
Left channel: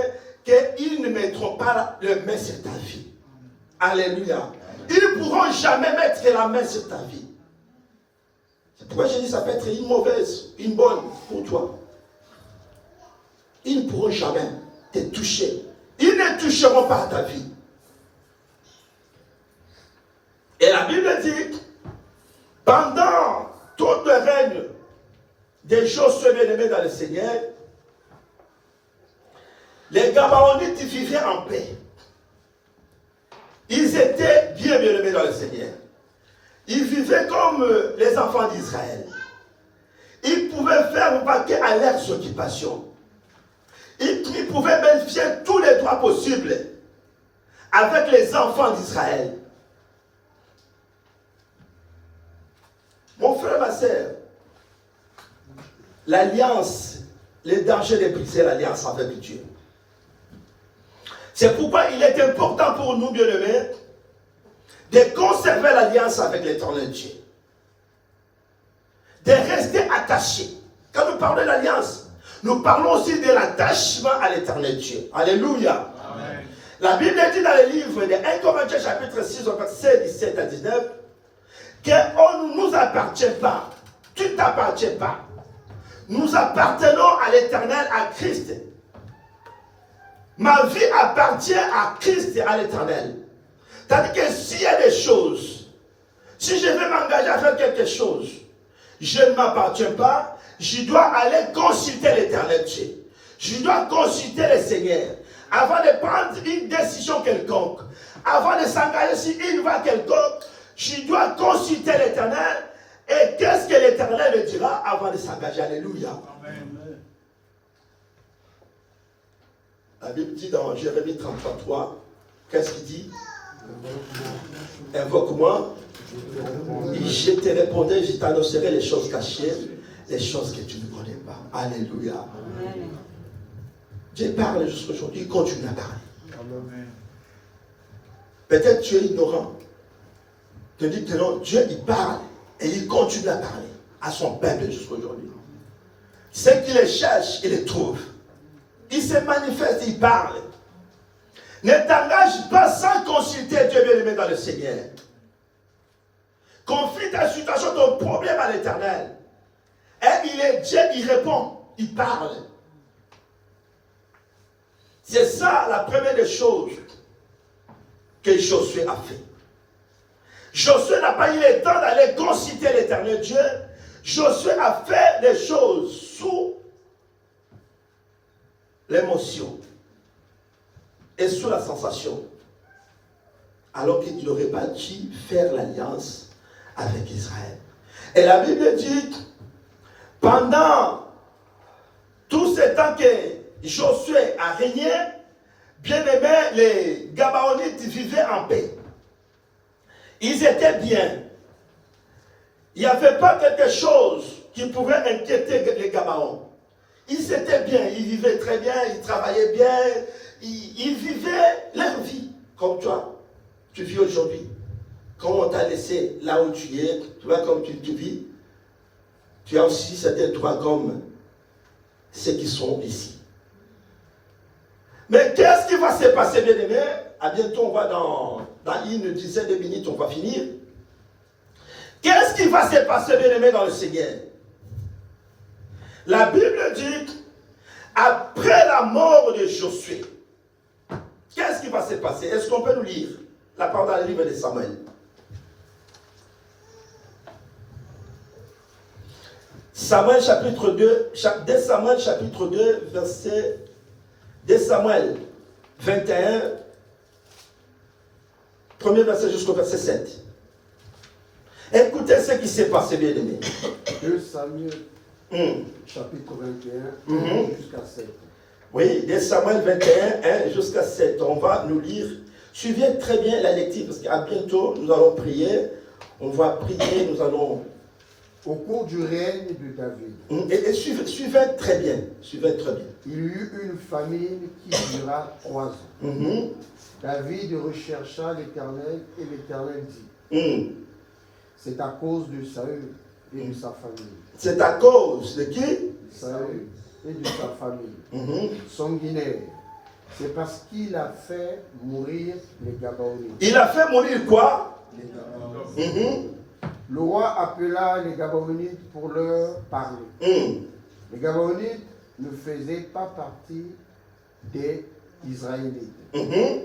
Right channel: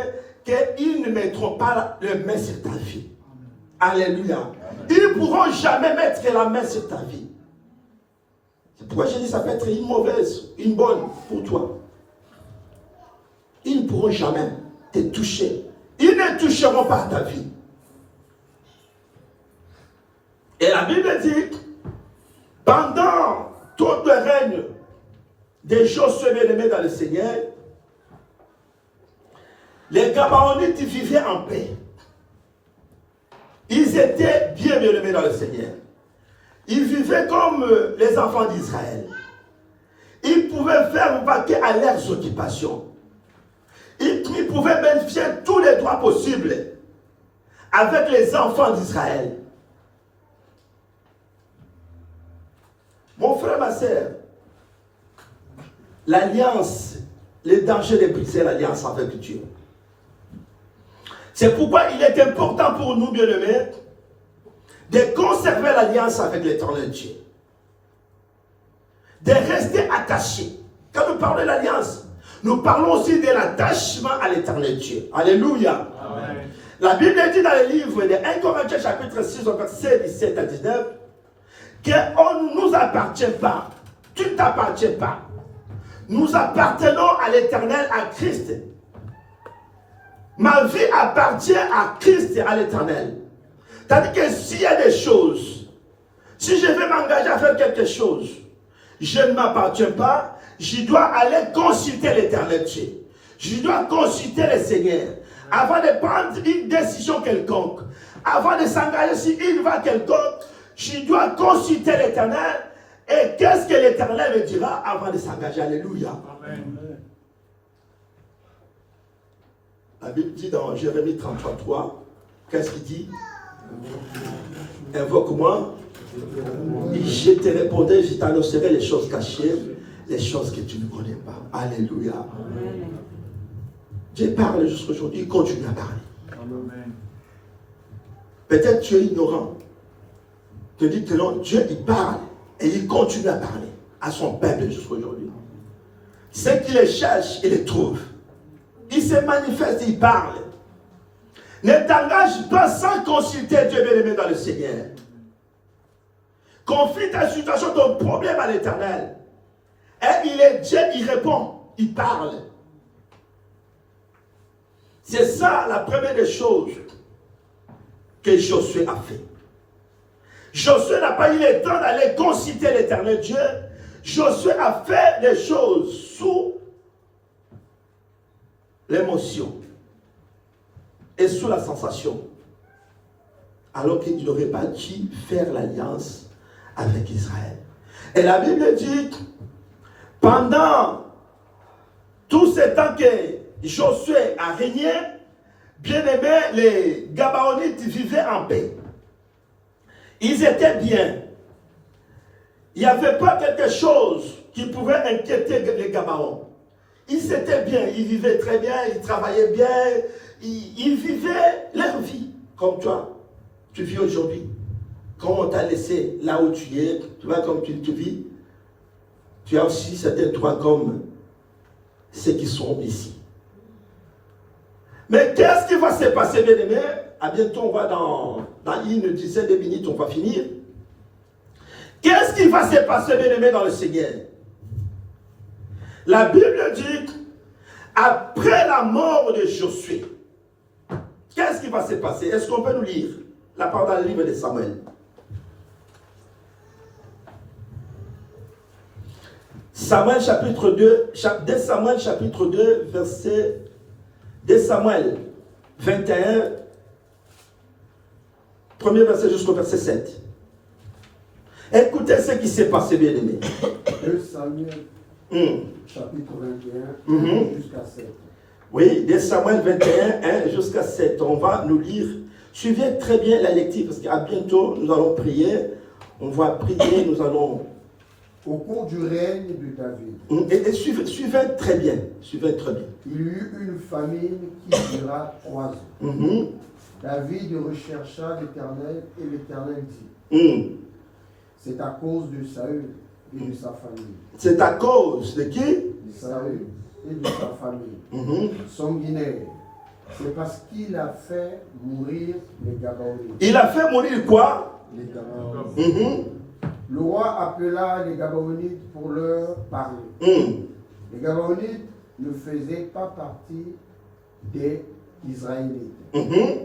qu'ils ne mettront pas la main sur ta vie. Alléluia. Ils ne pourront jamais mettre la main sur ta vie. C'est pourquoi je dis ça peut être une mauvaise, une bonne pour toi. Ils ne pourront jamais te toucher. Ils ne toucheront pas ta vie. Et la Bible dit, pendant tout le règne des Josué bien-aimés dans le Seigneur, les Gabaonites vivaient en paix. Ils étaient bien-aimés dans le Seigneur. Ils vivaient comme les enfants d'Israël. Ils pouvaient faire vaquer à leurs occupations. Ils pouvaient bénéficier de tous les droits possibles avec les enfants d'Israël. Mon frère, ma soeur, l'alliance, le danger de briser l'alliance avec Dieu. C'est pourquoi il est important pour nous, bien-aimés, de conserver l'alliance avec l'Éternel Dieu. De rester attachés. Quand nous parlons de l'alliance, nous parlons aussi de l'attachement à l'Éternel Dieu. Alléluia. Amen. La Bible dit dans le livre de 1 Corinthiens chapitre 6, verset 17 à 19, qu'on ne nous appartient pas. Tu ne t'appartiens pas. Nous appartenons à l'Éternel, à Christ. Ma vie appartient à Christ et à l'Éternel. C'est-à-dire que s'il y a des choses, si je veux m'engager à faire quelque chose, je ne m'appartiens pas, je dois aller consulter l'Éternel Dieu. Je dois consulter le Seigneur. Avant de prendre une décision quelconque, avant de s'engager sur une voie quelconque, je dois consulter l'Éternel. Et qu'est-ce que l'Éternel me dira avant de s'engager? Alléluia. Amen. La Bible dit dans Jérémie 33:3, qu'est-ce qu'il dit? Invoque-moi, et je te répondrai, je t'annoncerai les choses cachées, les choses que tu ne connais pas. Alléluia. Amen. Dieu parle jusqu'à aujourd'hui, il continue à parler. Amen. Peut-être tu es ignorant. Tu dis que non, Dieu il parle et il continue à parler à son peuple jusqu'à aujourd'hui. Ceux qui les cherchent, ils les trouvent. Il se manifeste, il parle. Ne t'engage pas sans consulter Dieu bien-aimé dans le Seigneur. Confie ta situation, ton problème à l'Éternel. Et il est Dieu, il répond, il parle. C'est ça la première des choses que Josué a fait. Josué n'a pas eu le temps d'aller consulter l'Éternel Dieu. Josué a fait les choses sous l'émotion et sous la sensation, alors qu'il n'aurait pas dû faire l'alliance avec Israël. Et la Bible dit, pendant tout ce temps que Josué a régné, bien aimé, les Gabaonites vivaient en paix. Ils étaient bien. Il n'y avait pas quelque chose qui pouvait inquiéter les Gabaons. Ils étaient bien, ils vivaient très bien, ils travaillaient bien, ils vivaient leur vie, comme toi, tu vis aujourd'hui. Quand on t'a laissé là où tu es, tu vois comme tu vis, tu as aussi certains droits comme ceux qui sont ici. Mais qu'est-ce qui va se passer, bien-aimés? À bientôt, on va dans une dizaine de minutes, on va finir. Qu'est-ce qui va se passer, bien-aimés, dans le Seigneur? La Bible dit, après la mort de Josué, qu'est-ce qui va se passer? Est-ce qu'on peut nous lire la parole dans le livre de Samuel? Samuel chapitre 2, 2 Samuel chapitre 2, verset 2 Samuel 21, premier verset jusqu'au verset 7. Écoutez ce qui s'est passé, bien aimé. 2 Samuel chapitre 21 jusqu'à 7. Oui, 2 Samuel 21, 1 jusqu'à 7. On va nous lire. Suivez très bien la lecture parce qu'à bientôt nous allons prier. On va prier, nous allons... Au cours du règne de David. Et suivez très bien. Suivez très bien. Il y eut une famine qui dura 3 ans. David rechercha l'Éternel et l'Éternel dit, c'est à cause de Saül et de sa famille. C'est à cause de qui? De Saül et de sa famille. Sanguinaire. C'est parce qu'il a fait mourir les Gabaonites. Il a fait mourir quoi? Les Gabaonites. Le roi appela les Gabaonites pour leur parler. Les Gabaonites ne faisaient pas partie des Israélites.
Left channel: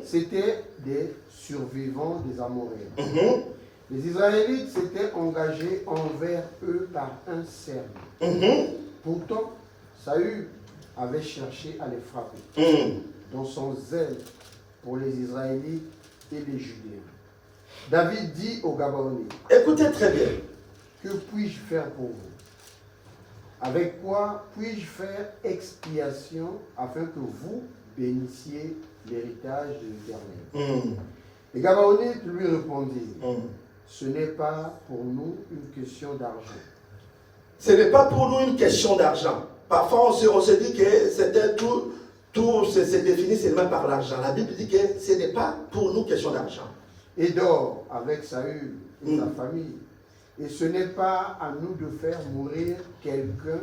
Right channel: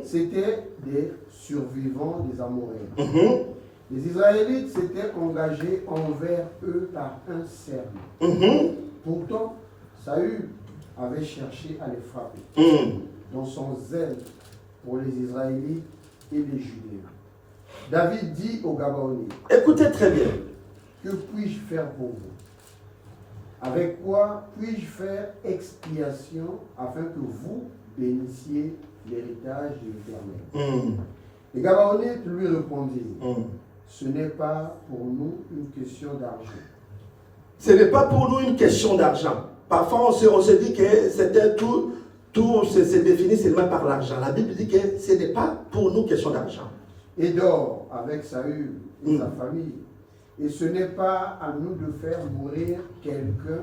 C'était des survivants des Amoréens. Les Israélites s'étaient engagés envers eux par un serment. Pourtant, Saül avait cherché à les frapper dans son zèle pour les Israélites et les Judéens. David dit aux Gabaonites, écoutez très bien. Que puis-je faire pour vous? Avec quoi puis-je faire expiation afin que vous bénissiez l'héritage de l'Éternel? Les Gabaonites lui répondirent, ce n'est pas pour nous une question d'argent. Ce n'est pas pour nous une question d'argent. Parfois, on se dit que c'était tout se définit seulement par l'argent. La Bible dit que ce n'est pas pour nous une question d'argent. Et dort avec Saül et sa famille. Et ce n'est pas à nous de faire mourir quelqu'un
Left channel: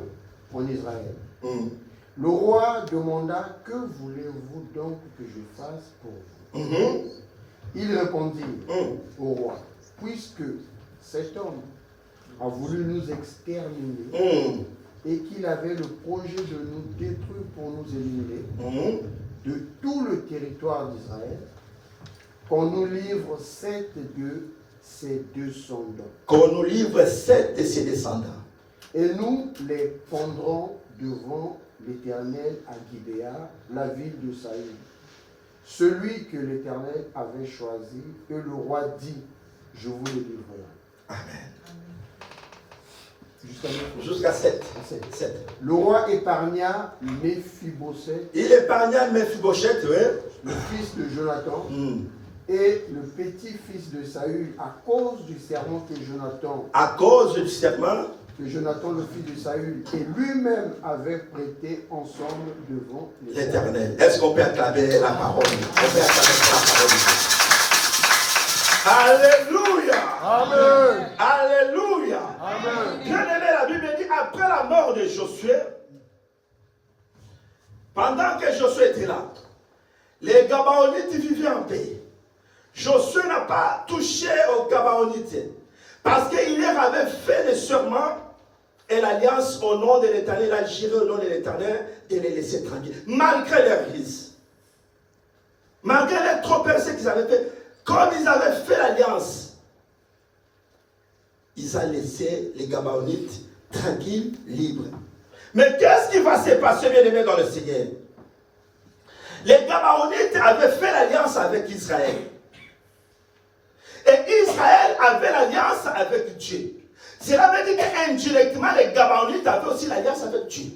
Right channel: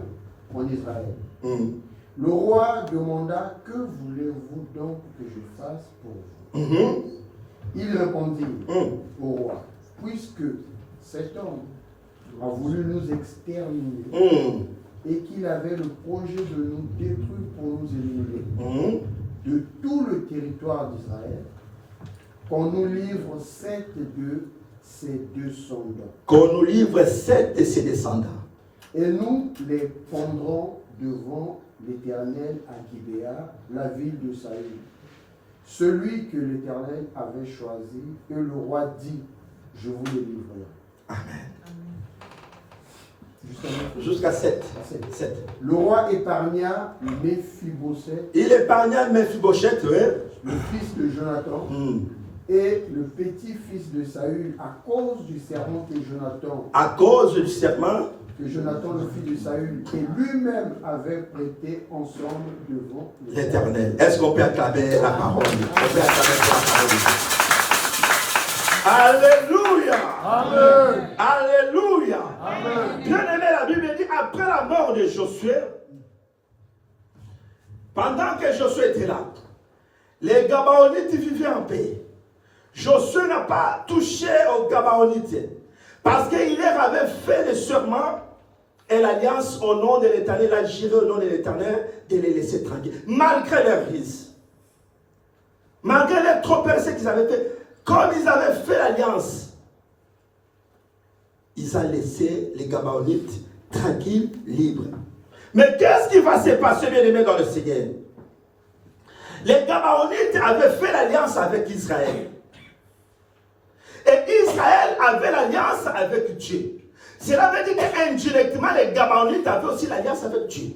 en Israël. Le roi demanda, que voulez-vous donc que je fasse pour vous? Il répondit au roi, puisque cet homme a voulu nous exterminer et qu'il avait le projet de nous détruire pour nous éliminer de tout le territoire d'Israël, qu'on nous livre 7 de ses descendants. Qu'on nous livre 7 de ses descendants. Et nous les pendrons devant l'Éternel à Gibéa, la ville de Saül. Celui que l'Éternel avait choisi, et le roi dit, je vous le livrerai. Amen. Jusqu'à 7. Le roi épargna Méphibosheth. Il épargna Méphibosheth, oui. Le fils de Jonathan. Et le petit-fils de Saül, à cause du serment que Jonathan. À cause du serment que Jonathan, le fils de Saül, et lui-même avait prêté ensemble devant l'Éternel. Est-ce qu'on peut acclamer la parole? On peut acclamer la parole de Dieu. Alléluia. Amen. Alléluia. Amen. Bien aimé, la Bible dit, après la mort de Josué, pendant que Josué était là, les Gabaonites vivaient en paix. Josué n'a pas touché aux Gabaonites parce qu'il leur avait fait le serment et l'alliance au nom de l'Éternel, il a juré au nom de l'Éternel de les laisser tranquilles, malgré leurs risques, malgré les trop percés qu'ils avaient fait. Comme ils avaient fait l'alliance, ils ont laissé les Gabaonites tranquilles, libres. Mais qu'est-ce qui va se passer, bien aimé, dans le Seigneur? Les Gabaonites avaient fait l'alliance avec Israël. Et Israël avait l'alliance avec Dieu. Cela veut dire qu'indirectement, les Gabaonites avaient aussi l'alliance avec Dieu.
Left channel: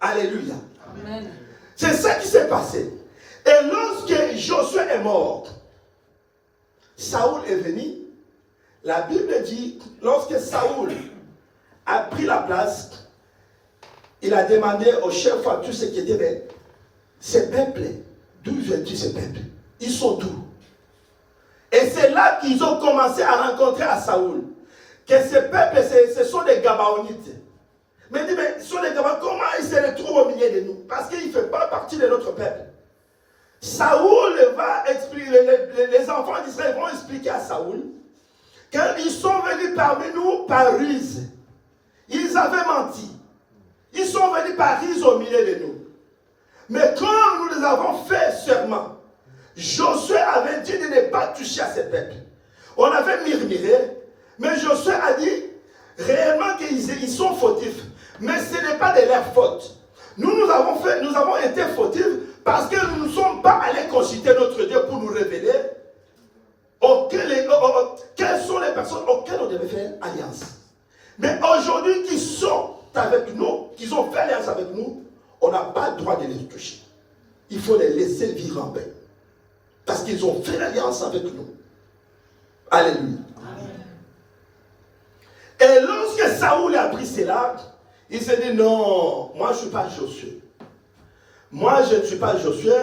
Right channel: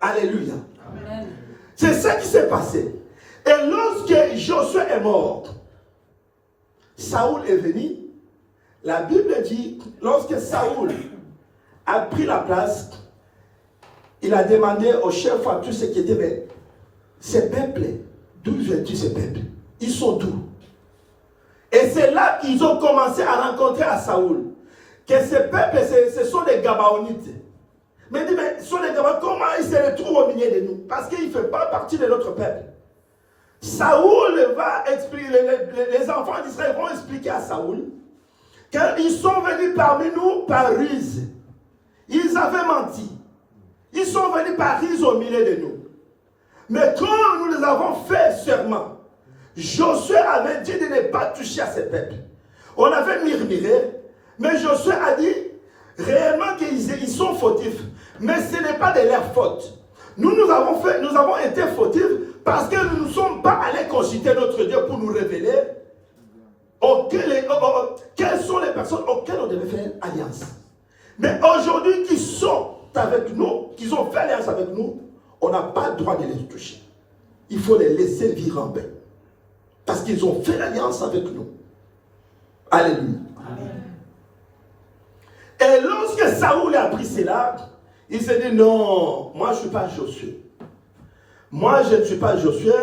Alléluia. Amen. C'est ça qui s'est passé. Et lorsque Josué est mort, Saoul est venu. La Bible dit, lorsque Saoul a pris la place, il a demandé au chef, à tous ceux qui étaient, mais ces peuples, d'où viennent-ils ces peuples? Ils sont d'où? Et c'est là qu'ils ont commencé à rencontrer à Saoul que ces peuples, ce sont des Gabaonites. Mais il dit, mais ce sont des Gabaonites, comment ils se retrouvent au milieu de nous? Parce qu'ils ne font pas partie de notre peuple. Saoul va expliquer, les enfants d'Israël vont expliquer à Saoul qu'ils sont venus parmi nous par ruse. Ils avaient menti. Ils sont venus par ruse au milieu de nous. Mais quand nous les avons fait serment, Josué avait dit de ne pas toucher à ces peuples. On avait murmuré, mais Josué a dit réellement qu'ils sont fautifs. Mais ce n'est pas de leur faute. Nous avons été fautifs parce que nous ne sommes pas allés consulter notre Dieu pour nous révéler quelles sont les personnes auxquelles on devait faire alliance. Mais aujourd'hui, qui sont avec nous, qui ont fait alliance avec nous, on n'a pas le droit de les toucher. Il faut les laisser vivre en paix. Parce qu'ils ont fait l'alliance avec nous. Alléluia. Amen. Et lorsque Saoul a appris cela, il s'est dit non, moi je ne suis pas Josué. Moi je ne suis pas Josué.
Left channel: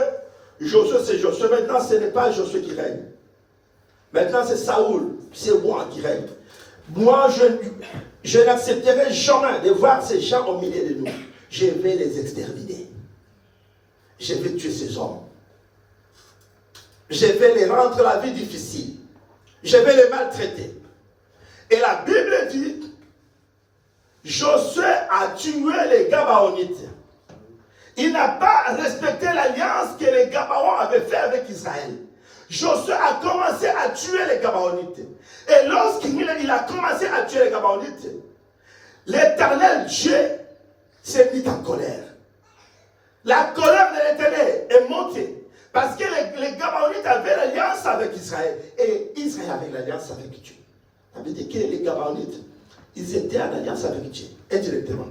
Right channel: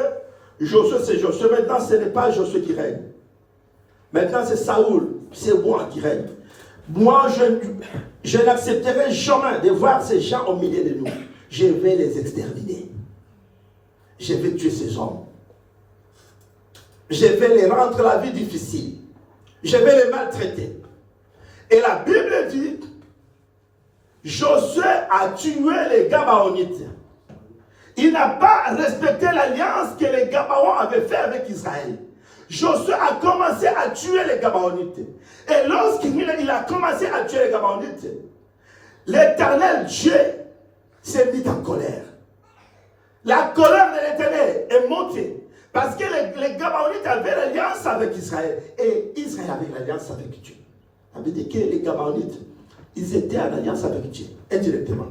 Josué c'est Josué. Maintenant ce n'est pas Josué qui règne. Maintenant c'est Saoul. C'est moi qui règne. Moi je n'accepterai jamais de voir ces gens au milieu de nous. Je vais les exterminer. Je vais tuer ces hommes. Je vais les rendre la vie difficile. Je vais les maltraiter. Et la Bible dit, Josué a tué les Gabaonites. Il n'a pas respecté l'alliance que les Gabaons avaient fait avec Israël. Josué a commencé à tuer les Gabaonites. Et lorsqu'il a commencé à tuer les Gabaonites, l'Éternel Dieu s'est mis en colère. La colère de l'Éternel est montée. Parce que les Gabaonites avaient l'alliance avec Israël. Et Israël avait l'alliance avec Dieu. Ça veut dire que les Gabaonites, ils étaient en alliance avec Dieu, indirectement.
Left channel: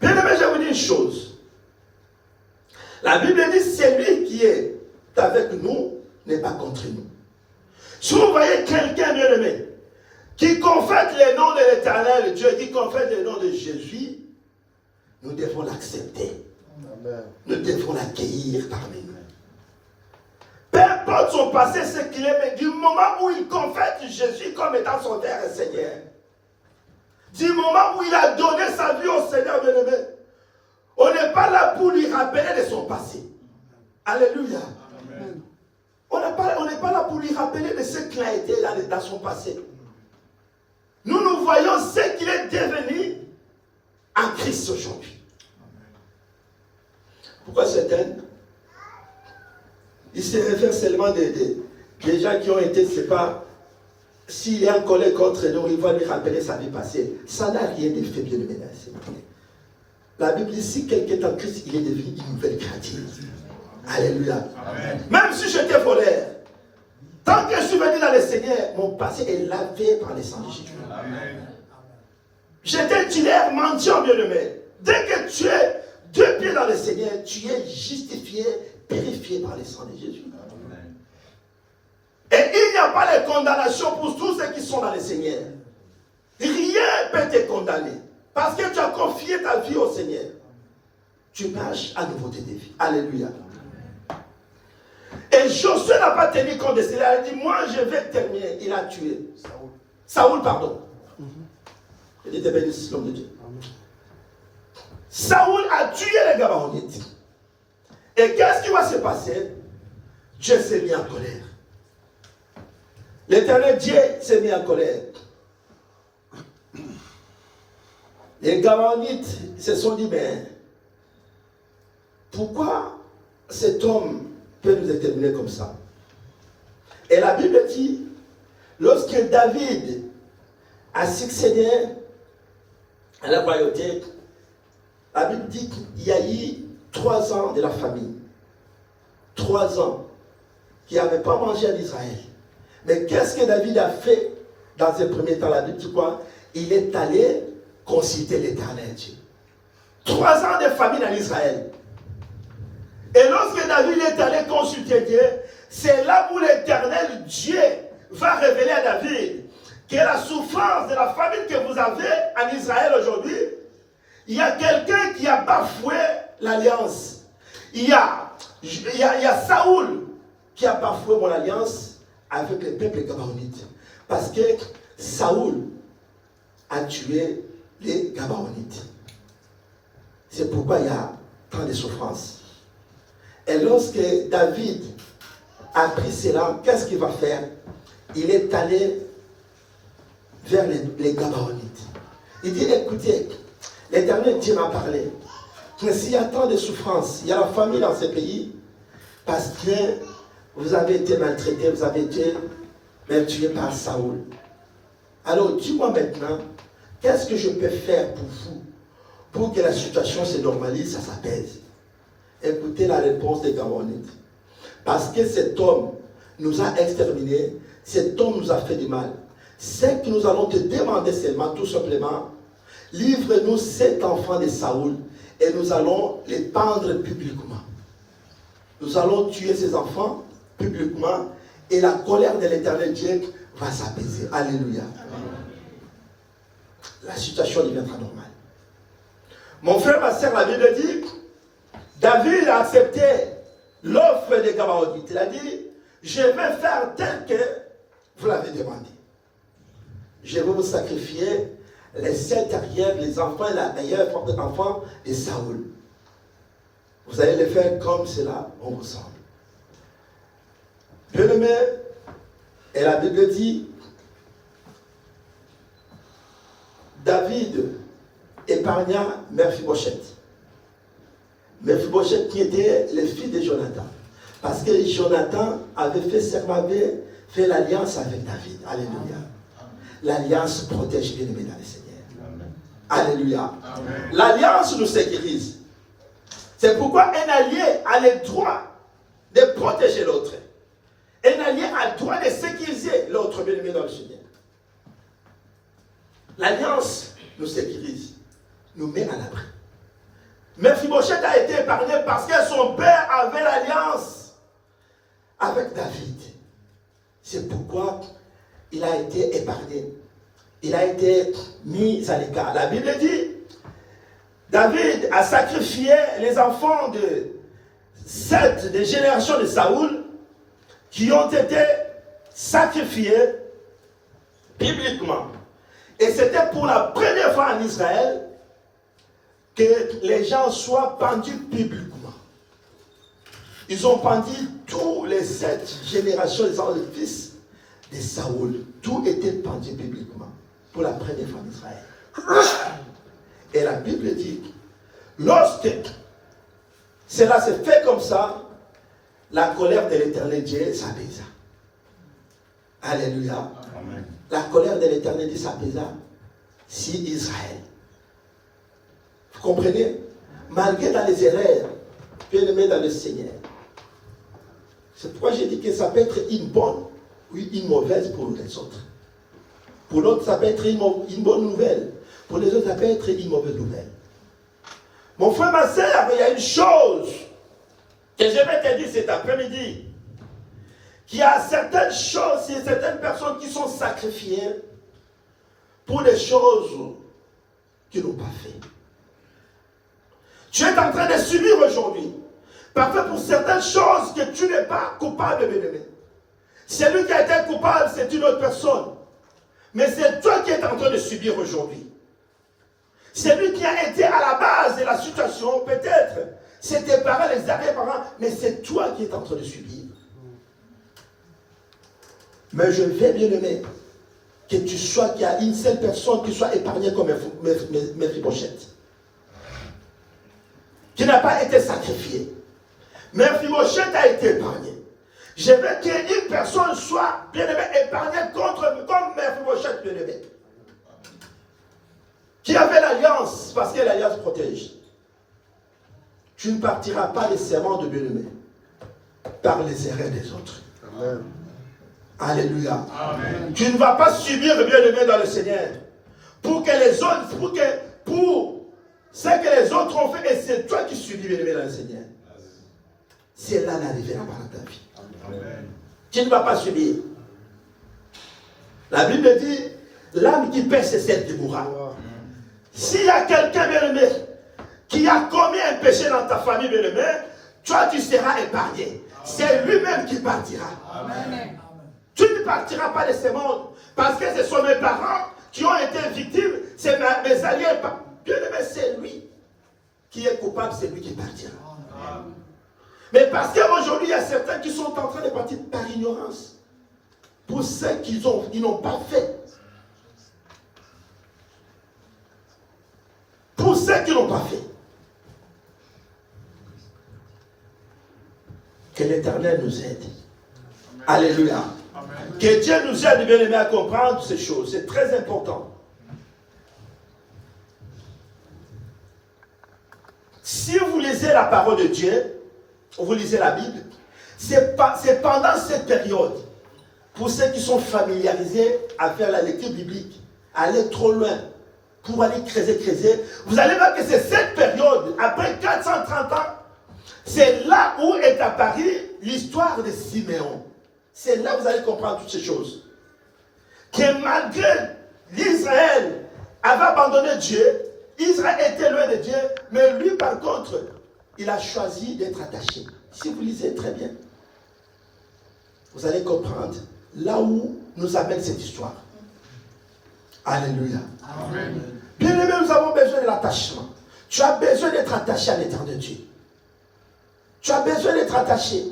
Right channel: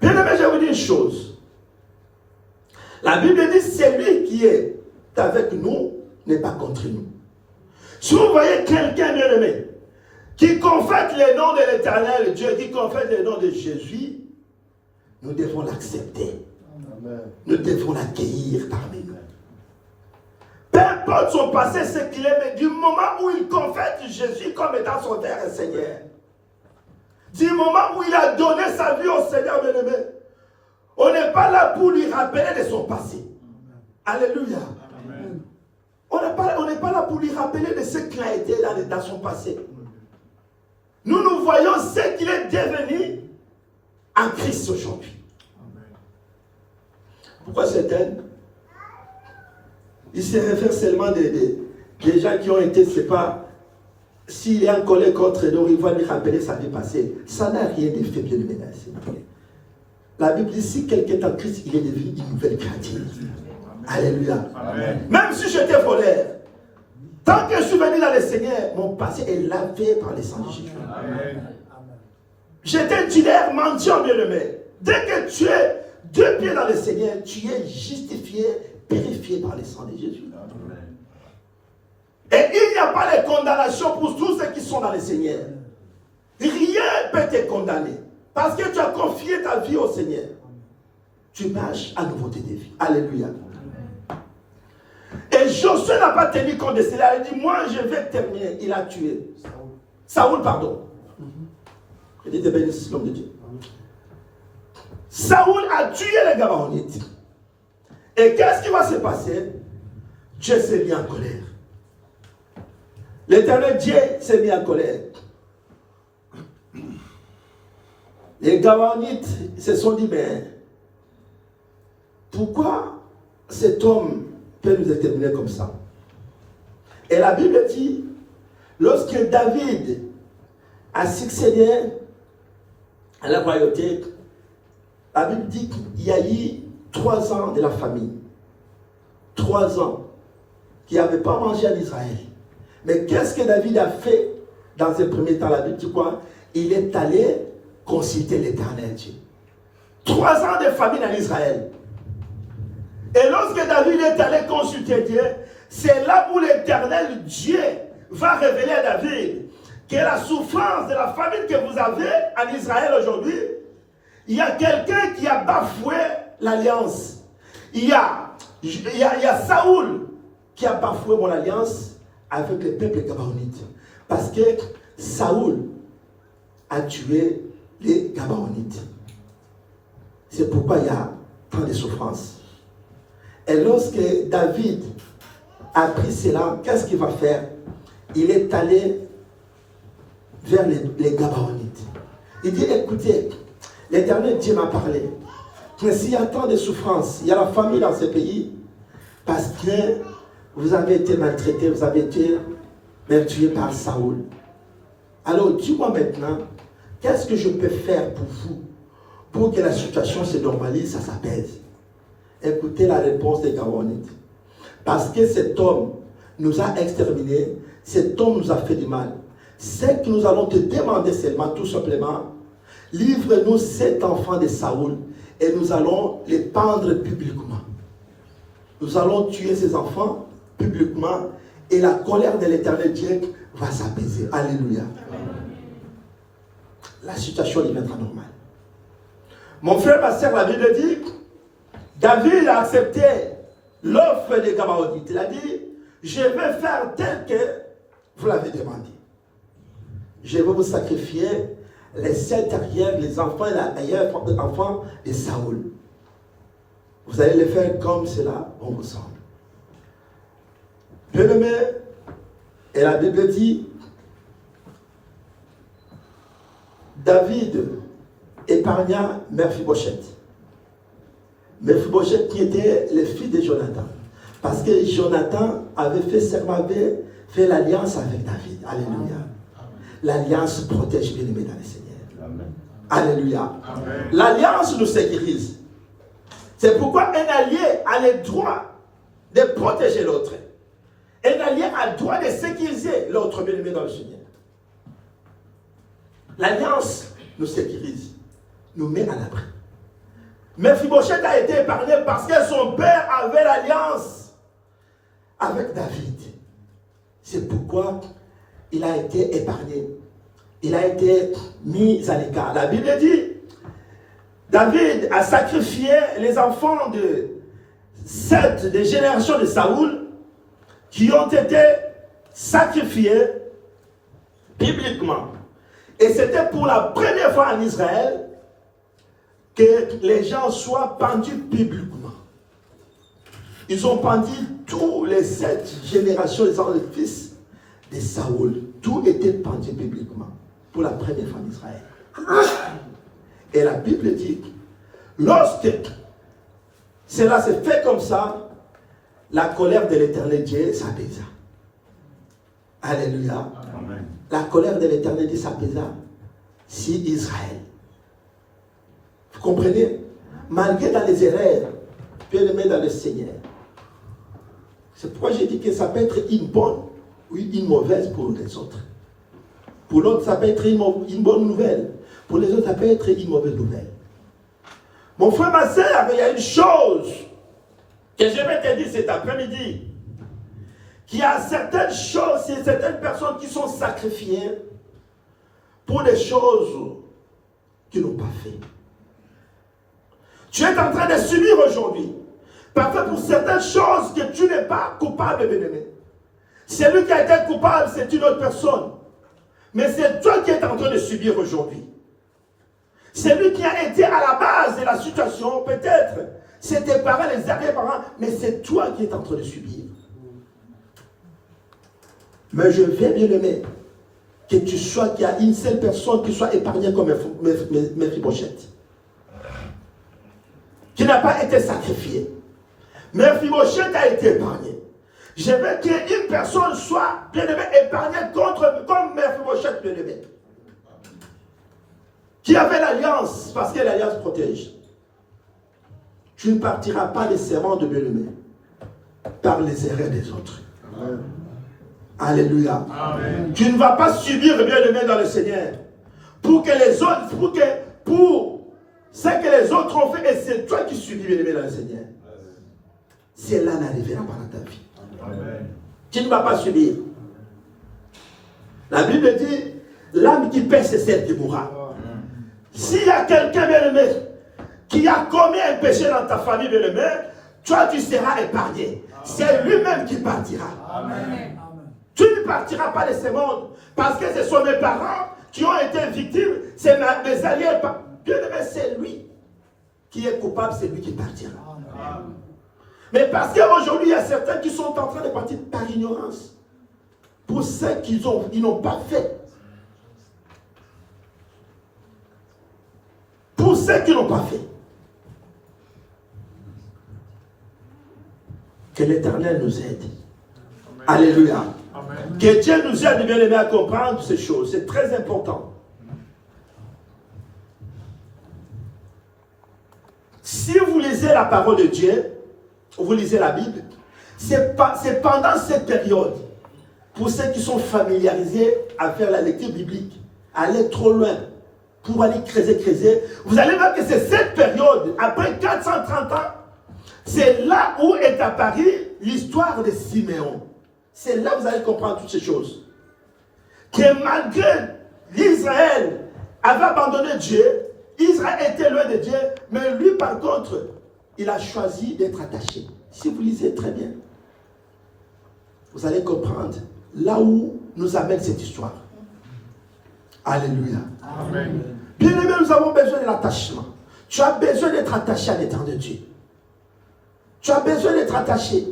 Bien aimé, je vais vous dire une chose. La Bible dit, celui qui est avec nous n'est pas contre nous. Si vous voyez quelqu'un, bien aimé, qui confesse le nom de l'Éternel Dieu, qui confesse le nom de Jésus, nous devons l'accepter. Nous devons l'accueillir parmi nous. Peu importe son passé, ce qu'il est, mais du moment où il confesse Jésus comme étant son Père et Seigneur, du moment où il a donné sa vie au Seigneur bien-aimé, on n'est pas là pour lui rappeler de son passé. Alléluia. Amen. On n'est pas là pour lui rappeler de ce qu'il a été dans son passé. Nous voyons ce qu'il est devenu en Christ aujourd'hui. Pourquoi certains, ils se réfèrent seulement des gens qui ont été, c'est pas, s'il est en colère contre nous, il va lui rappeler sa vie passée. Ça n'a rien de fait, bien aimé. La Bible dit, si quelqu'un est en Christ, il est devenu une nouvelle créature. Alléluia. Amen. Même si j'étais voleur, tant que je suis venu dans le Seigneur, mon passé est lavé par le sang de Jésus. J'étais dealer, mendiant, bien aimé. Dès que tu es 2 pieds dans le Seigneur, tu es justifié, purifié par le sang de Jésus. Amen. Et il n'y a pas de condamnation pour tous ceux qui sont dans le Seigneur. Rien ne peut te condamner. Parce que tu as confié ta vie au Seigneur. Tu marches à nouveauté de vie. Alléluia. Et Josué n'a pas tenu compte de cela. Il a dit, moi je vais terminer. Il a tué. Saoul, pardon. Il dit, bénisse l'homme de Dieu. Saoul a tué les Gabaonites. Et qu'est-ce qui va se passer? Dieu s'est mis en colère. L'Éternel Dieu s'est mis en colère. Les Gabaonites se sont dit, mais pourquoi cet homme peut nous exterminer comme ça? Et la Bible dit, lorsque David a succédé à la royauté, la Bible dit qu'il y a eu 3 ans de la famine. 3 ans qui n'avaient pas mangé en Israël. Mais qu'est-ce que David a fait dans ce premier temps? La Bible dit quoi? Il est allé consulter l'Éternel Dieu. 3 ans de famine en Israël. Et lorsque David est allé consulter Dieu, c'est là où l'Éternel Dieu va révéler à David que la souffrance de la famine que vous avez en Israël aujourd'hui, il y a quelqu'un qui a bafoué l'alliance. Il y a Saoul qui a bafoué mon alliance avec le peuple gabaonite. Parce que Saoul a tué les Gabaonites. C'est pourquoi il y a tant de souffrances. Et lorsque David a pris cela, qu'est-ce qu'il va faire? Il est allé vers les Gabaonites. Il dit, écoutez, l'Éternel Dieu m'a parlé. Que s'il y a tant de souffrances, il y a la famille dans ce pays, parce que vous avez été maltraités, vous avez été tués par Saoul. Alors, dis-moi maintenant, qu'est-ce que je peux faire pour vous, pour que la situation se normalise, ça s'apaise? Écoutez la réponse des Gabaonites. Parce que cet homme nous a exterminés, cet homme nous a fait du mal. C'est que nous allons te demander seulement, tout simplement, livre-nous cet enfant de Saoul et nous allons les pendre publiquement. Nous allons tuer ces enfants publiquement et la colère de l'Éternel Dieu va s'apaiser. Alléluia. La situation deviendra normale. Mon frère, ma soeur, la Bible dit, David a accepté l'offre des Gabaonites. Il a dit, je vais faire tel que vous l'avez demandé. Je vais vous sacrifier les 7 arrières, les enfants et les enfants de Saoul. Vous allez les faire comme cela on vous semble. Bien-aimé, et la Bible dit, David épargna Mephibosheth. Mephibosheth qui était le fils de Jonathan. Parce que Jonathan avait fait serment, avait fait l'alliance avec David. Alléluia. L'alliance protège bien aimé dans le Seigneur. Alléluia. L'alliance nous sécurise. C'est pourquoi un allié a le droit de protéger l'autre. Un allié a le droit de sécuriser l'autre bien aimé dans le Seigneur. L'alliance nous sécurise, nous met à l'abri. Mephibosheth a été épargné parce que son père avait l'alliance avec David. C'est pourquoi il a été épargné. Il a été mis à l'écart. La Bible dit, David a sacrifié les enfants de 7 des générations de Saoul qui ont été sacrifiés bibliquement. Et c'était pour la première fois en Israël que les gens soient pendus publiquement. Ils ont pendu tous les 7 générations des fils de Saoul. Tout était pendu publiquement pour la première fois en Israël. Et la Bible dit, lorsque cela s'est fait comme ça, la colère de l'Éternel Dieu s'apaisa. Alléluia. Amen. La colère de l'Éternel Dieu s'apaisa sur Israël. Vous comprenez? Malgré dans les erreurs, bien-aimés dans le Seigneur. C'est pourquoi j'ai dit que ça peut être une bonne ou une mauvaise pour les autres. Pour l'autre, ça peut être une bonne nouvelle. Pour les autres, ça peut être une mauvaise nouvelle. Mon frère, ma soeur, il y a une chose que je vais te dire cet après-midi. Qu'il y a certaines choses, certaines personnes qui sont sacrifiées pour des choses qu'ils n'ont pas fait. Tu es en train de subir aujourd'hui. Parfois pour certaines choses que tu n'es pas coupable, bien-aimé. Celui qui a été coupable, c'est une autre personne. Mais c'est toi qui es en train de subir aujourd'hui. Celui qui a été à la base de la situation, peut-être, c'est tes parents, les arrière-parents, mais c'est toi qui es en train de subir. Mais je veux, bien-aimé, que tu sois, qu'il y a une seule personne qui soit épargnée comme Mephibosheth, qui n'a pas été sacrifiée. Mephibosheth a été épargné. Je veux qu'une personne soit, bien-aimé, épargnée comme Mephibosheth, bien-aimé. Qui avait l'alliance, parce que l'alliance protège. Tu ne partiras pas des serments de bien-aimé par les erreurs des autres. Amen. Alléluia. Amen. Tu ne vas pas subir, bien-aimé, dans le Seigneur. Pour que les autres, pour ce que les autres ont fait, et c'est toi qui subis, bien-aimé, dans le Seigneur. C'est là l'arrivée dans ta vie. Amen. Tu ne vas pas subir. La Bible dit, l'âme qui pêche, c'est celle qui mourra. S'il y a quelqu'un, bien-aimé, qui a commis un péché dans ta famille, bien-aimé, toi, tu seras épargné. C'est lui-même qui partira. Amen. Tu ne partiras pas de ce monde, parce que ce sont mes parents qui ont été victimes, c'est mes alliés. Bien-aimé, c'est lui qui est coupable, c'est lui qui partira. Amen. Mais parce qu'aujourd'hui, il y a certains qui sont en train de partir par ignorance. Pour ceux ils n'ont pas fait. Pour ceux qui n'ont pas fait. Que l'Éternel nous aide. Amen. Alléluia. Amen. Que Dieu nous aide, bien aimés, à comprendre ces choses. C'est très important. Si vous lisez la parole de Dieu, vous lisez la Bible, c'est pendant cette période, pour ceux qui sont familiarisés à faire la lecture biblique, aller trop loin, pour aller creuser, vous allez voir que c'est cette période, après 430 ans, c'est là où est apparue l'histoire de Siméon. C'est là où vous allez comprendre toutes ces choses. Que malgré l'Israël avait abandonné Dieu, Israël était loin de Dieu, mais lui par contre, il a choisi d'être attaché. Si vous lisez très bien, vous allez comprendre là où nous amène cette histoire. Alléluia. Amen. Bien aimé, nous avons besoin de l'attachement. Tu as besoin d'être attaché à l'éternel Dieu. Tu as besoin d'être attaché.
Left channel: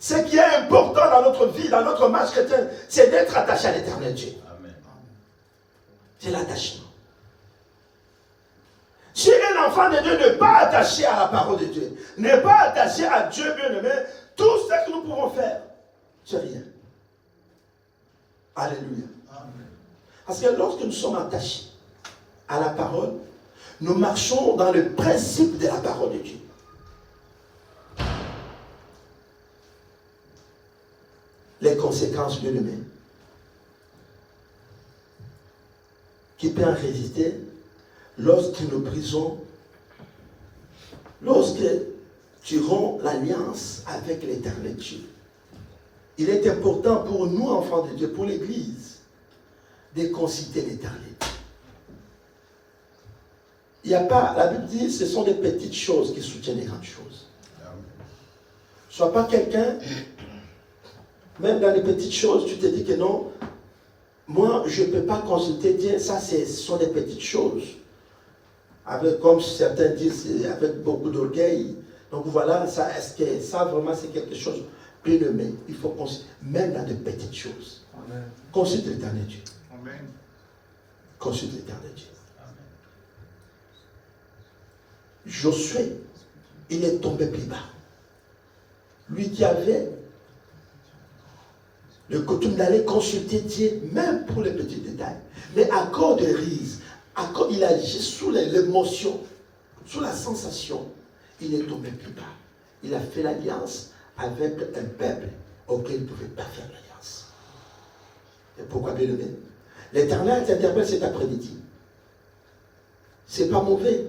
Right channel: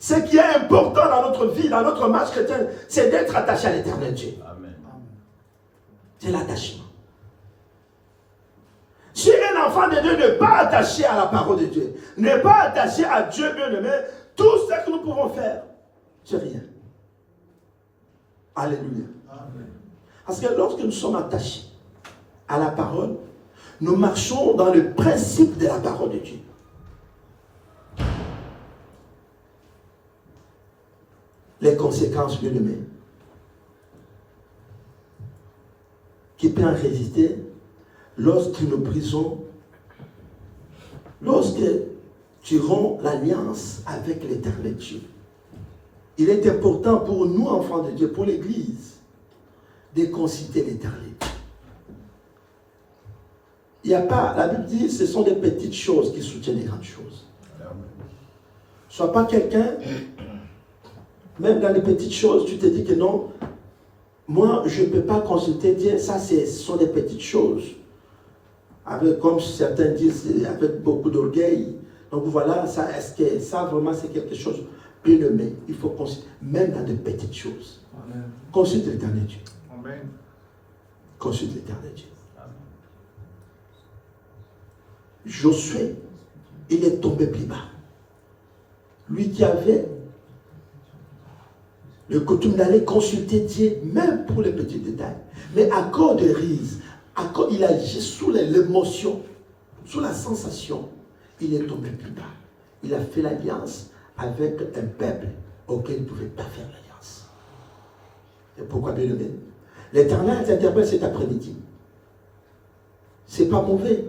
Ce qui est important dans notre vie, dans notre marche chrétienne, c'est d'être attaché à l'éternel Dieu. C'est l'attachement. Si un enfant de Dieu n'est pas attaché à la parole de Dieu, n'est pas attaché à Dieu bien-aimé, tout ce que nous pouvons faire, c'est rien. Alléluia. Amen. Parce que lorsque nous sommes attachés à la parole, nous marchons dans le principe de la parole de Dieu. Les conséquences, bien-aimés, qui peuvent résister lorsque nous brisons, lorsque tu romps l'alliance avec l'Éternel Dieu. Il est important pour nous, enfants de Dieu, pour l'Église, de consulter l'Éternel. Il n'y a pas, la Bible dit, ce sont des petites choses qui soutiennent les grandes choses. Sois pas quelqu'un, même dans les petites choses, tu te dis que non, moi, je ne peux pas consulter Dieu, ça, ce sont des petites choses. Avec, comme certains disent, avec beaucoup d'orgueil. Donc voilà, ça, est-ce que ça vraiment c'est quelque chose bien aimé? Il faut consulter, même dans de petites choses. Amen. Consulte l'Éternel Dieu. Amen. Consulte l'Éternel Dieu. Amen. Josué, il est tombé plus bas. Lui qui avait le coutume d'aller consulter Dieu, même pour les petits détails. Mais à cause de rise, il agit sous l'émotion, sous la sensation, il est tombé plus bas. Il a fait l'alliance avec un peuple auquel il ne pouvait pas faire l'alliance. Et pourquoi bien aimé? L'Éternel t'interpelle cet après-midi. C'est pas mauvais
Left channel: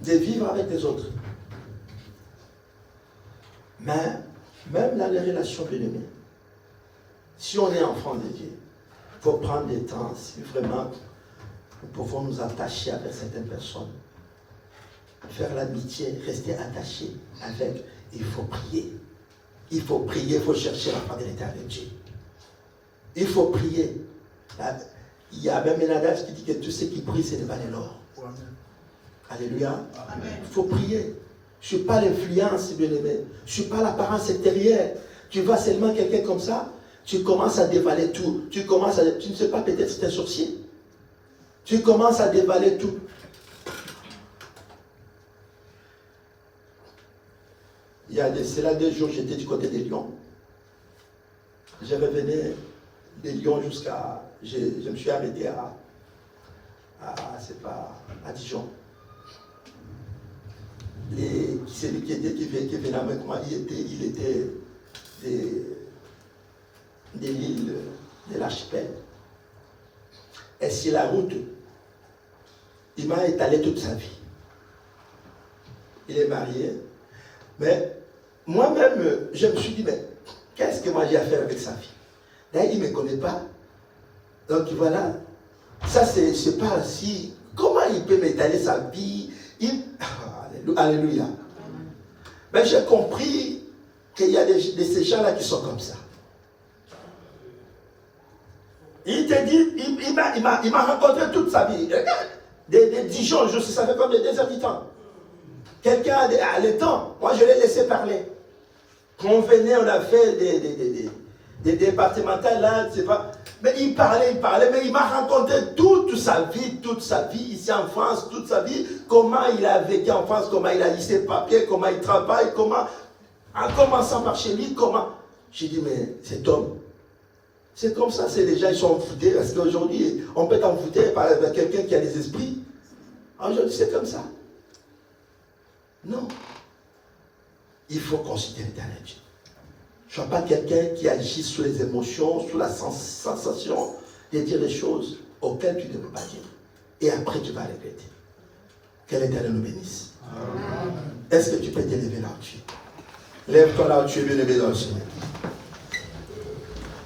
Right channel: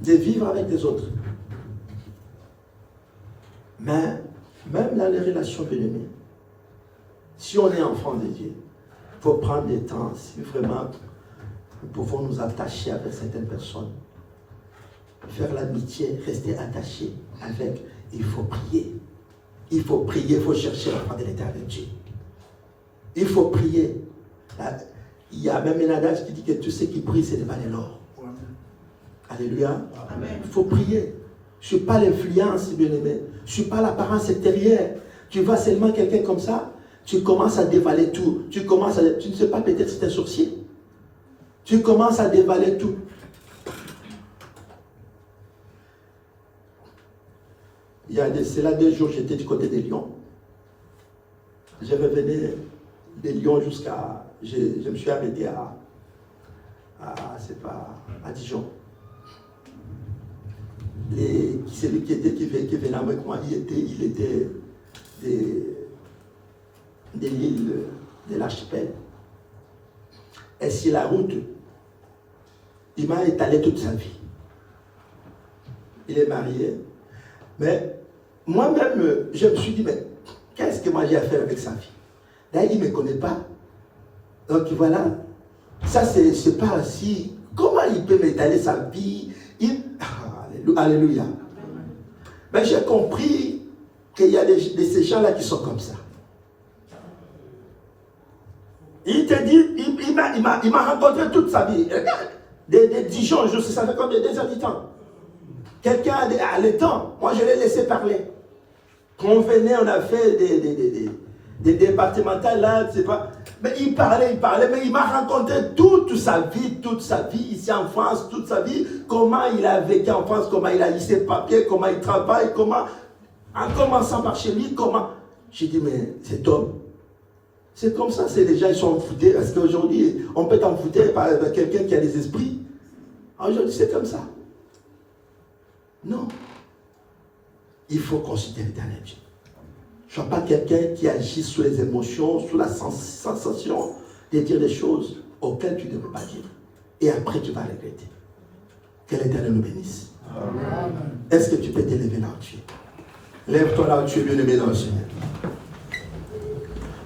de vivre avec les autres. Mais même dans les relations bien aimées, si on est enfant de Dieu, il faut prendre des temps, si vraiment nous pouvons nous attacher avec certaines personnes, faire l'amitié, rester attaché avec, il faut prier. Il faut prier, il faut chercher la part de l'Éternel Dieu. Il faut prier. Il y a même un adage qui dit que tout ce qui brille, c'est de valer l'or. Alléluia. Amen. Il faut prier. Je ne suis pas l'influence, bien-aimé. Je ne suis pas l'apparence extérieure. Tu vois seulement quelqu'un comme ça, tu commences à dévaler tout. Tu ne sais pas, peut-être c'est un sorcier. Tu commences à dévaler tout. Il y a c'est là 2 jours, j'étais du côté des Lions. Je revenais des Lions jusqu'à... Je me suis arrêté à Dijon. Celui qui venait avec moi, il était de l'île de l'archipel. Et sur la route, il m'a étalé toute sa vie. Il est marié. Mais moi-même, je me suis dit, mais qu'est-ce que moi j'ai à faire avec sa vie? D'ailleurs, il ne me connaît pas. Donc voilà, ça c'est pas si... Comment il peut m'étaler sa vie? Alléluia. Mais j'ai compris qu'il y a de ces gens-là qui sont comme ça. Il te dit, il m'a rencontré toute sa vie. Regarde, des Dijon, je sais, ça fait combien des habitants. Quelqu'un a le temps. Moi, je l'ai laissé parler. Quand on venait, on a fait des départementales là, je sais pas. Mais il parlait, mais il m'a raconté toute sa vie ici en France, toute sa vie, comment il a vécu en France, comment il a eu ses papiers, comment il travaille, comment, en commençant par chez lui, comment. J'ai dit, mais cet homme, c'est comme ça, c'est les gens, ils sont envoûtés, parce qu'aujourd'hui, on peut être envoûté par quelqu'un qui a des esprits. Aujourd'hui, c'est comme ça. Non. Il faut considérer l'éternel Dieu. Je ne suis pas quelqu'un qui agit sous les émotions, sous la sensation de dire des choses auxquelles tu ne peux pas dire. Et après, tu vas regretter. Que l'Éternel nous bénisse. Est-ce que tu peux t'élever là où tu es? Lève-toi là où tu es, bien-aimé dans le Seigneur.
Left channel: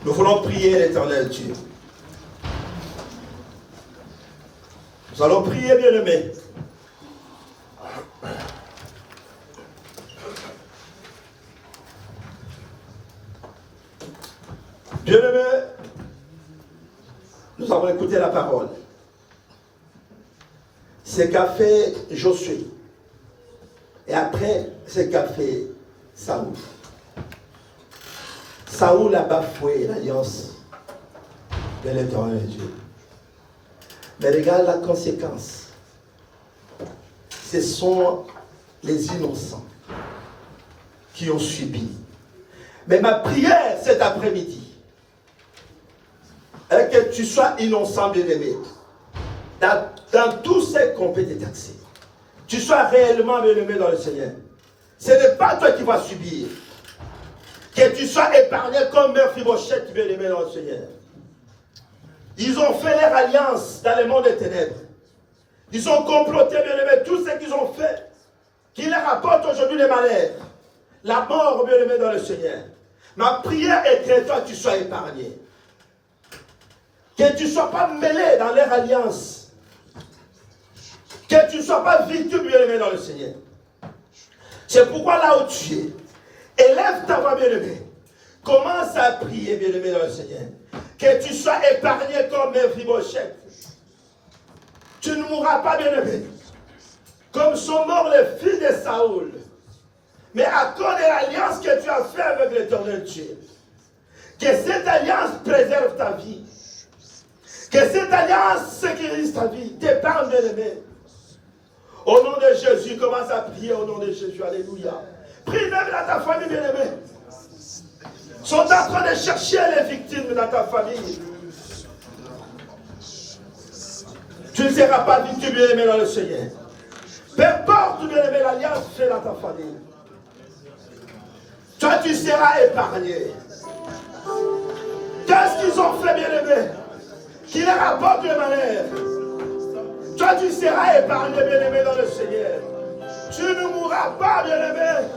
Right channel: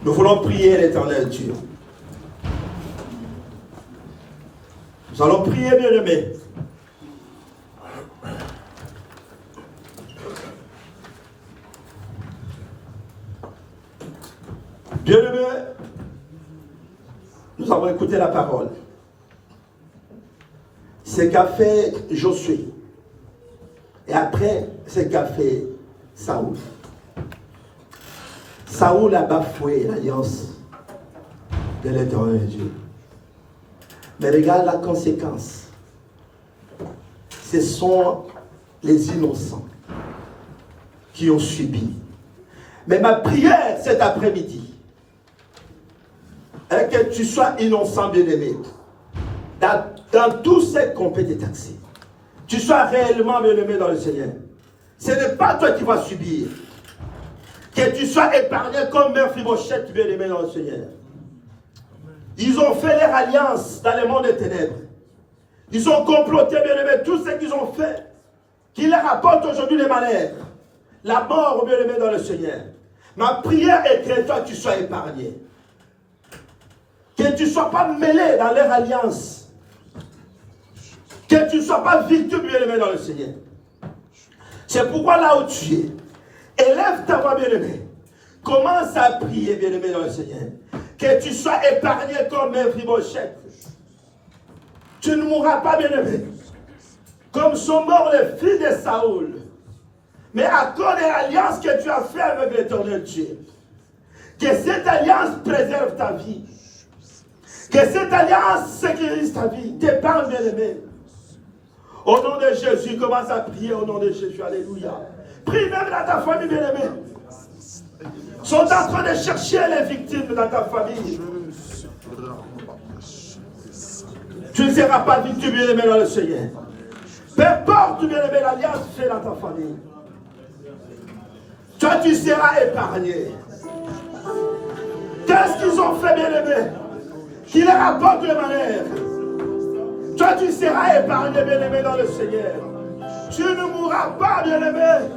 Nous voulons prier l'Éternel Dieu. Nous allons prier, bien-aimé. Bien-aimé, nous avons écouté la parole. Ce qu'a fait Josué. Et après, ce qu'a fait Saoul. Saoul a bafoué l'alliance de l'Éternel Dieu. Mais regarde la conséquence. Ce sont les innocents qui ont subi. Mais ma prière cet après-midi est que tu sois innocent, bien-aimé. Dans tout ce qu'on peut te taxer. Tu sois réellement bien-aimé dans le Seigneur. Ce n'est pas toi qui vas subir. Que tu sois épargné comme Mephibosheth, bien-aimé dans le Seigneur. Ils ont fait leur alliance dans le monde des ténèbres. Ils ont comploté, bien-aimé, tout ce qu'ils ont fait, qui leur apporte aujourd'hui les malheurs. La mort, bien-aimé dans le Seigneur. Ma prière est que toi, tu sois épargné. Que tu ne sois pas mêlé dans leur alliance. Que tu ne sois pas victime, bien-aimé dans le Seigneur. C'est pourquoi là où tu es, élève ta voix, bien-aimé. Commence à prier, bien-aimé dans le Seigneur. Que tu sois épargné comme Mephibosheth. Tu ne mourras pas, bien-aimé. Comme sont morts les fils de Saoul. Mais à cause de l'alliance que tu as faite avec l'Éternel Dieu. Que cette alliance préserve ta vie. Que cette alliance sécurise ta vie. T'épargne, bien-aimé. Au nom de Jésus, commence à prier au nom de Jésus. Alléluia. Prie même dans ta famille, bien-aimé. Ils sont en train de chercher les victimes dans ta famille. Tu ne seras pas victime, bien-aimé, dans le Seigneur. Peu importe, bien-aimé, l'alliance fait dans ta famille. Toi, tu seras épargné. Qu'est-ce qu'ils ont fait, bien-aimé, qui leur apporte le malheur? Toi, tu seras épargné, bien-aimé, dans le Seigneur. Tu ne mourras pas, bien-aimé.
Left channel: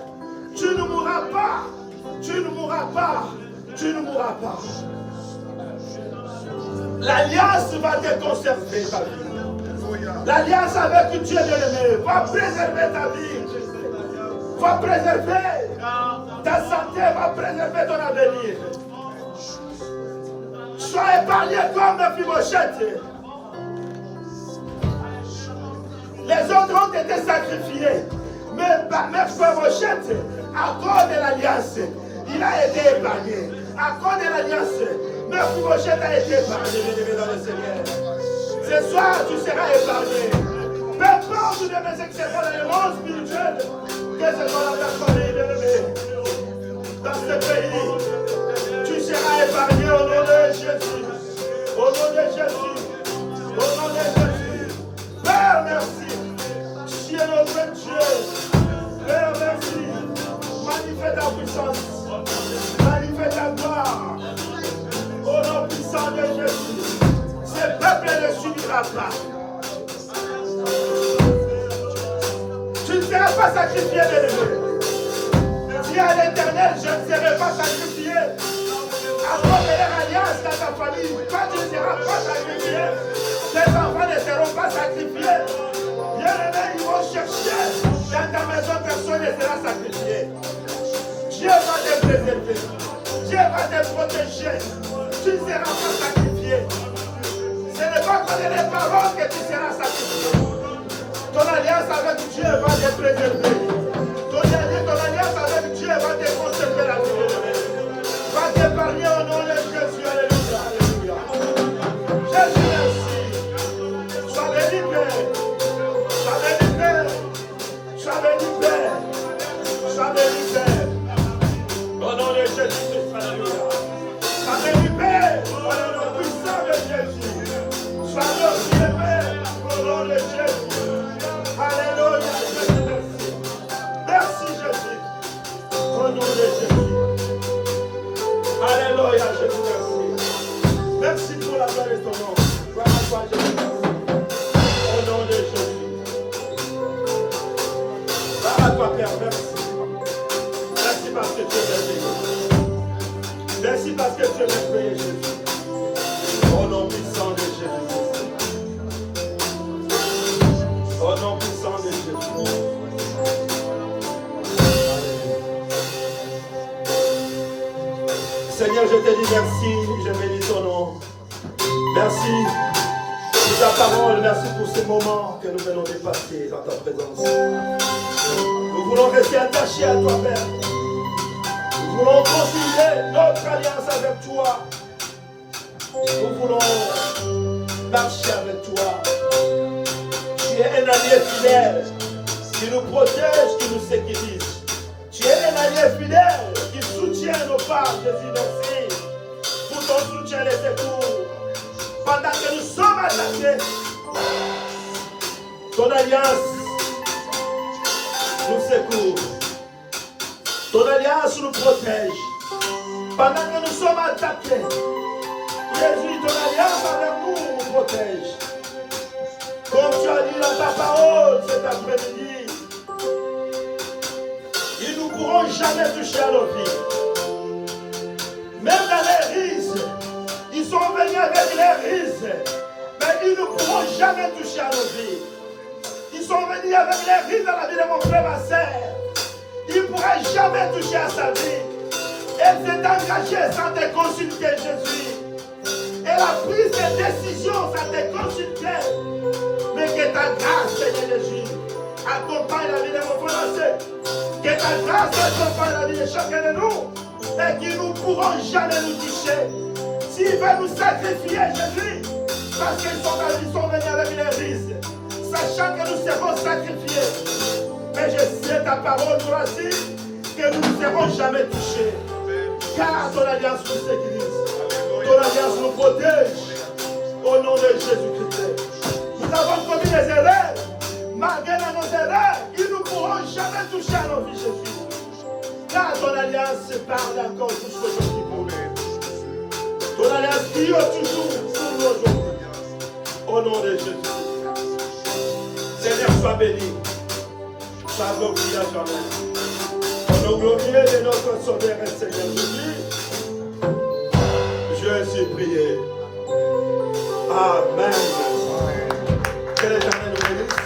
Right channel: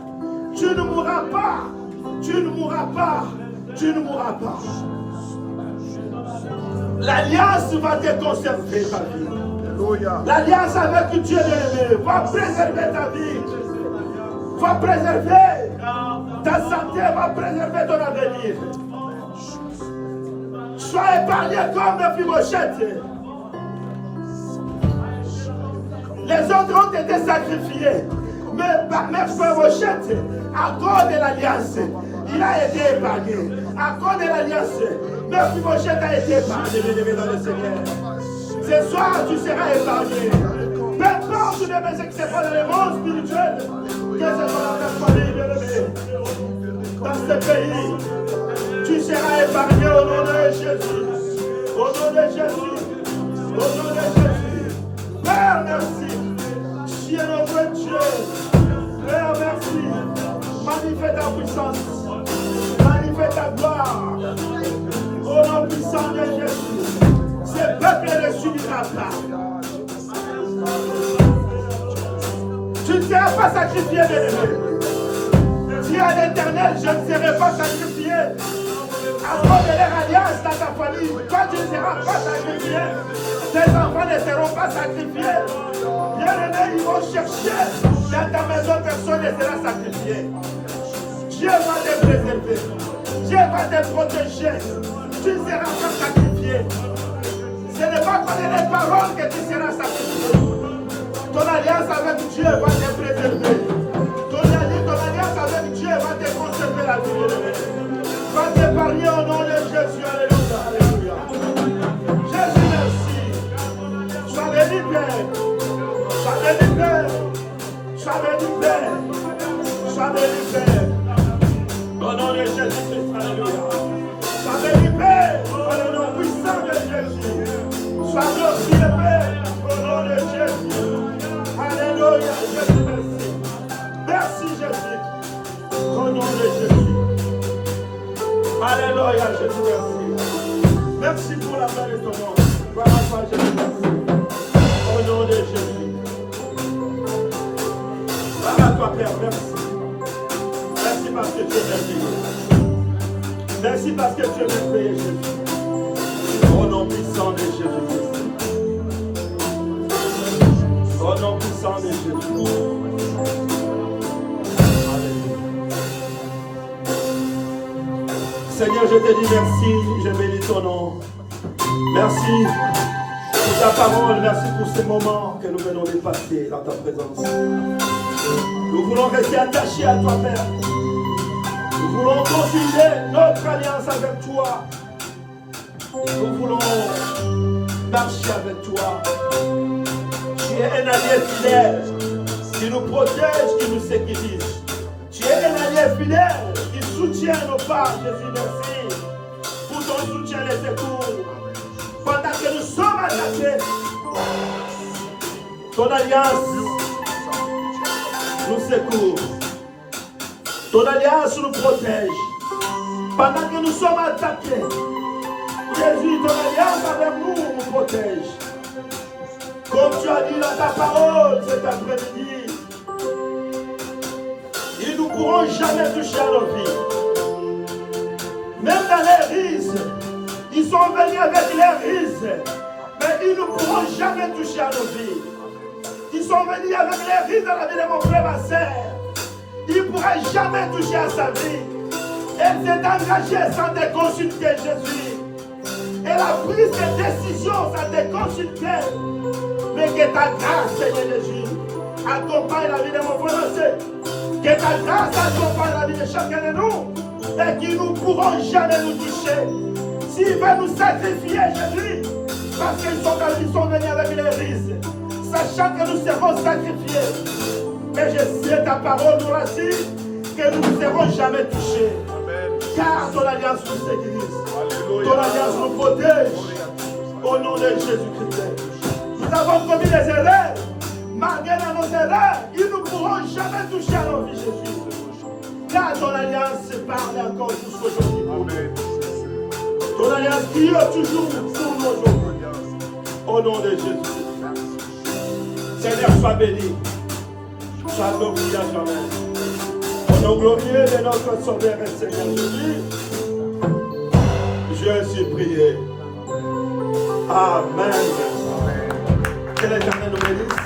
Tu ne mourras pas. Tu ne mourras pas. Tu ne mourras pas. L'alliance va te conserver ta vie. L'alliance avec Dieu, bien-aimé, va préserver ta vie. Va préserver ta santé, va préserver ton avenir. Sois épargné comme Mephibosheth. Les autres ont été sacrifiés. Mais par Mephibosheth, à cause de l'alliance, il a été épargné. À cause de l'alliance, Mephibosheth a été épargné, bien-aimé dans le Seigneur. Ce soir, tu seras épargné. Peu importe de mes exceptions dans le monde spirituel, que ce soit dans ta famille, bien-aimé, dans ce pays, tu seras épargné au nom de Jésus. Au nom de Jésus. Au nom de Jésus. Père, merci. Tu es notre Dieu. Père, merci. Manifeste ta puissance. Manifeste ta gloire. Au nom puissant de Jésus. Ce peuple ne subira pas. Tu ne seras pas sacrifié, bien-aimé. Dis à l'Éternel, je ne serai pas sacrifié. À cause de leur alliance dans ta famille, toi tu ne seras pas sacrifié. Tes enfants ne seront pas sacrifiés. Bien-aimés, ils vont chercher. Dans ta maison, personne ne sera sacrifié. Dieu va te préserver. Dieu va te protéger. Tu ne seras pas sacrifié. Ce n'est pas parler les paroles que tu seras sacrifié. Ton alliance avec Dieu va te préserver. Ton alliance avec Dieu va te conserver la vie. Va t'épargner au nom de Jésus. Alléluia. Alléluia. Jésus, merci. Sois béni, Père. Sois béni, Père. Sois béni, Père. Sois béni, Père. Au nom de Jésus-Christ. Alléluia. Sois béni, Père. Au nom puissant de Jésus. Sois glorifié, Père. Au nom de Jésus. Alléluia. Jésus, merci. Merci, Jésus. Au nom de Jésus. Alléluia, Jésus, merci. Merci pour la gloire de ton nom. Gloire à toi, Jésus, merci. Au nom de Jésus. Gloire à toi, Père, merci. Merci parce que tu es merveilleux. Merci parce que tu es merveilleux, Jésus. Au nom puissant de Jésus. Au nom puissant de Jésus. Seigneur, je te dis merci, je bénis ton nom. Merci pour ta parole, merci pour ces moments que nous venons de passer dans ta présence. Nous voulons rester attachés à toi, Père. Nous voulons continuer notre alliance avec toi. Nous voulons marcher avec toi. Tu es un allié fidèle qui nous protège, qui nous sécurise. Tu es un allié fidèle qui soutient nos pas. Jésus, merci pour ton soutien et secours. Pendant que nous sommes attaqués, ton alliance nous secourt. Ton alliance nous protège. Pendant que nous sommes attaqués, Jésus, ton alliance avec nous nous protège. Comme tu as dit dans ta parole cet après-midi, ils ne pourront jamais toucher à nos vies. Même dans les rises, ils sont venus avec les rises, mais ils ne pourront jamais toucher à nos vies. Ils sont venus avec les rises dans la vie de mon frère, ma sœur. Ils ne pourraient jamais toucher à sa vie. Elle s'est engagée sans te consulter, Jésus. Elle a pris ses décisions sans te consulter. Mais que ta grâce, Seigneur Jésus, accompagne la vie de mon frère, ma sœur. Que ta grâce accompagne la vie de chacun de nous. Et qu'ils ne pourront jamais nous toucher. S'ils veulent nous sacrifier, Jésus, parce qu'ils sont venus avec les risques, sachant que nous serons sacrifiés. Mais je sais ta parole nous l'a dit, que nous ne serons jamais touchés. Car ton alliance nous sécurise. Ton alliance nous protège. Au nom de Jésus-Christ. Nous avons commis des erreurs. Malgré nos erreurs, ils ne pourront jamais toucher à nos vies, Jésus. Car ton alliance se parle encore jusqu'aujourd'hui pour nous. Ton alliance qui est toujours pour nous aujourd'hui. Au nom de Jésus. Seigneur, sois béni. Sois glorifié à jamais. Au nom glorieux de notre Sauveur et Seigneur Jésus, je suis prié. Amen. Que l'Éternel nous bénisse.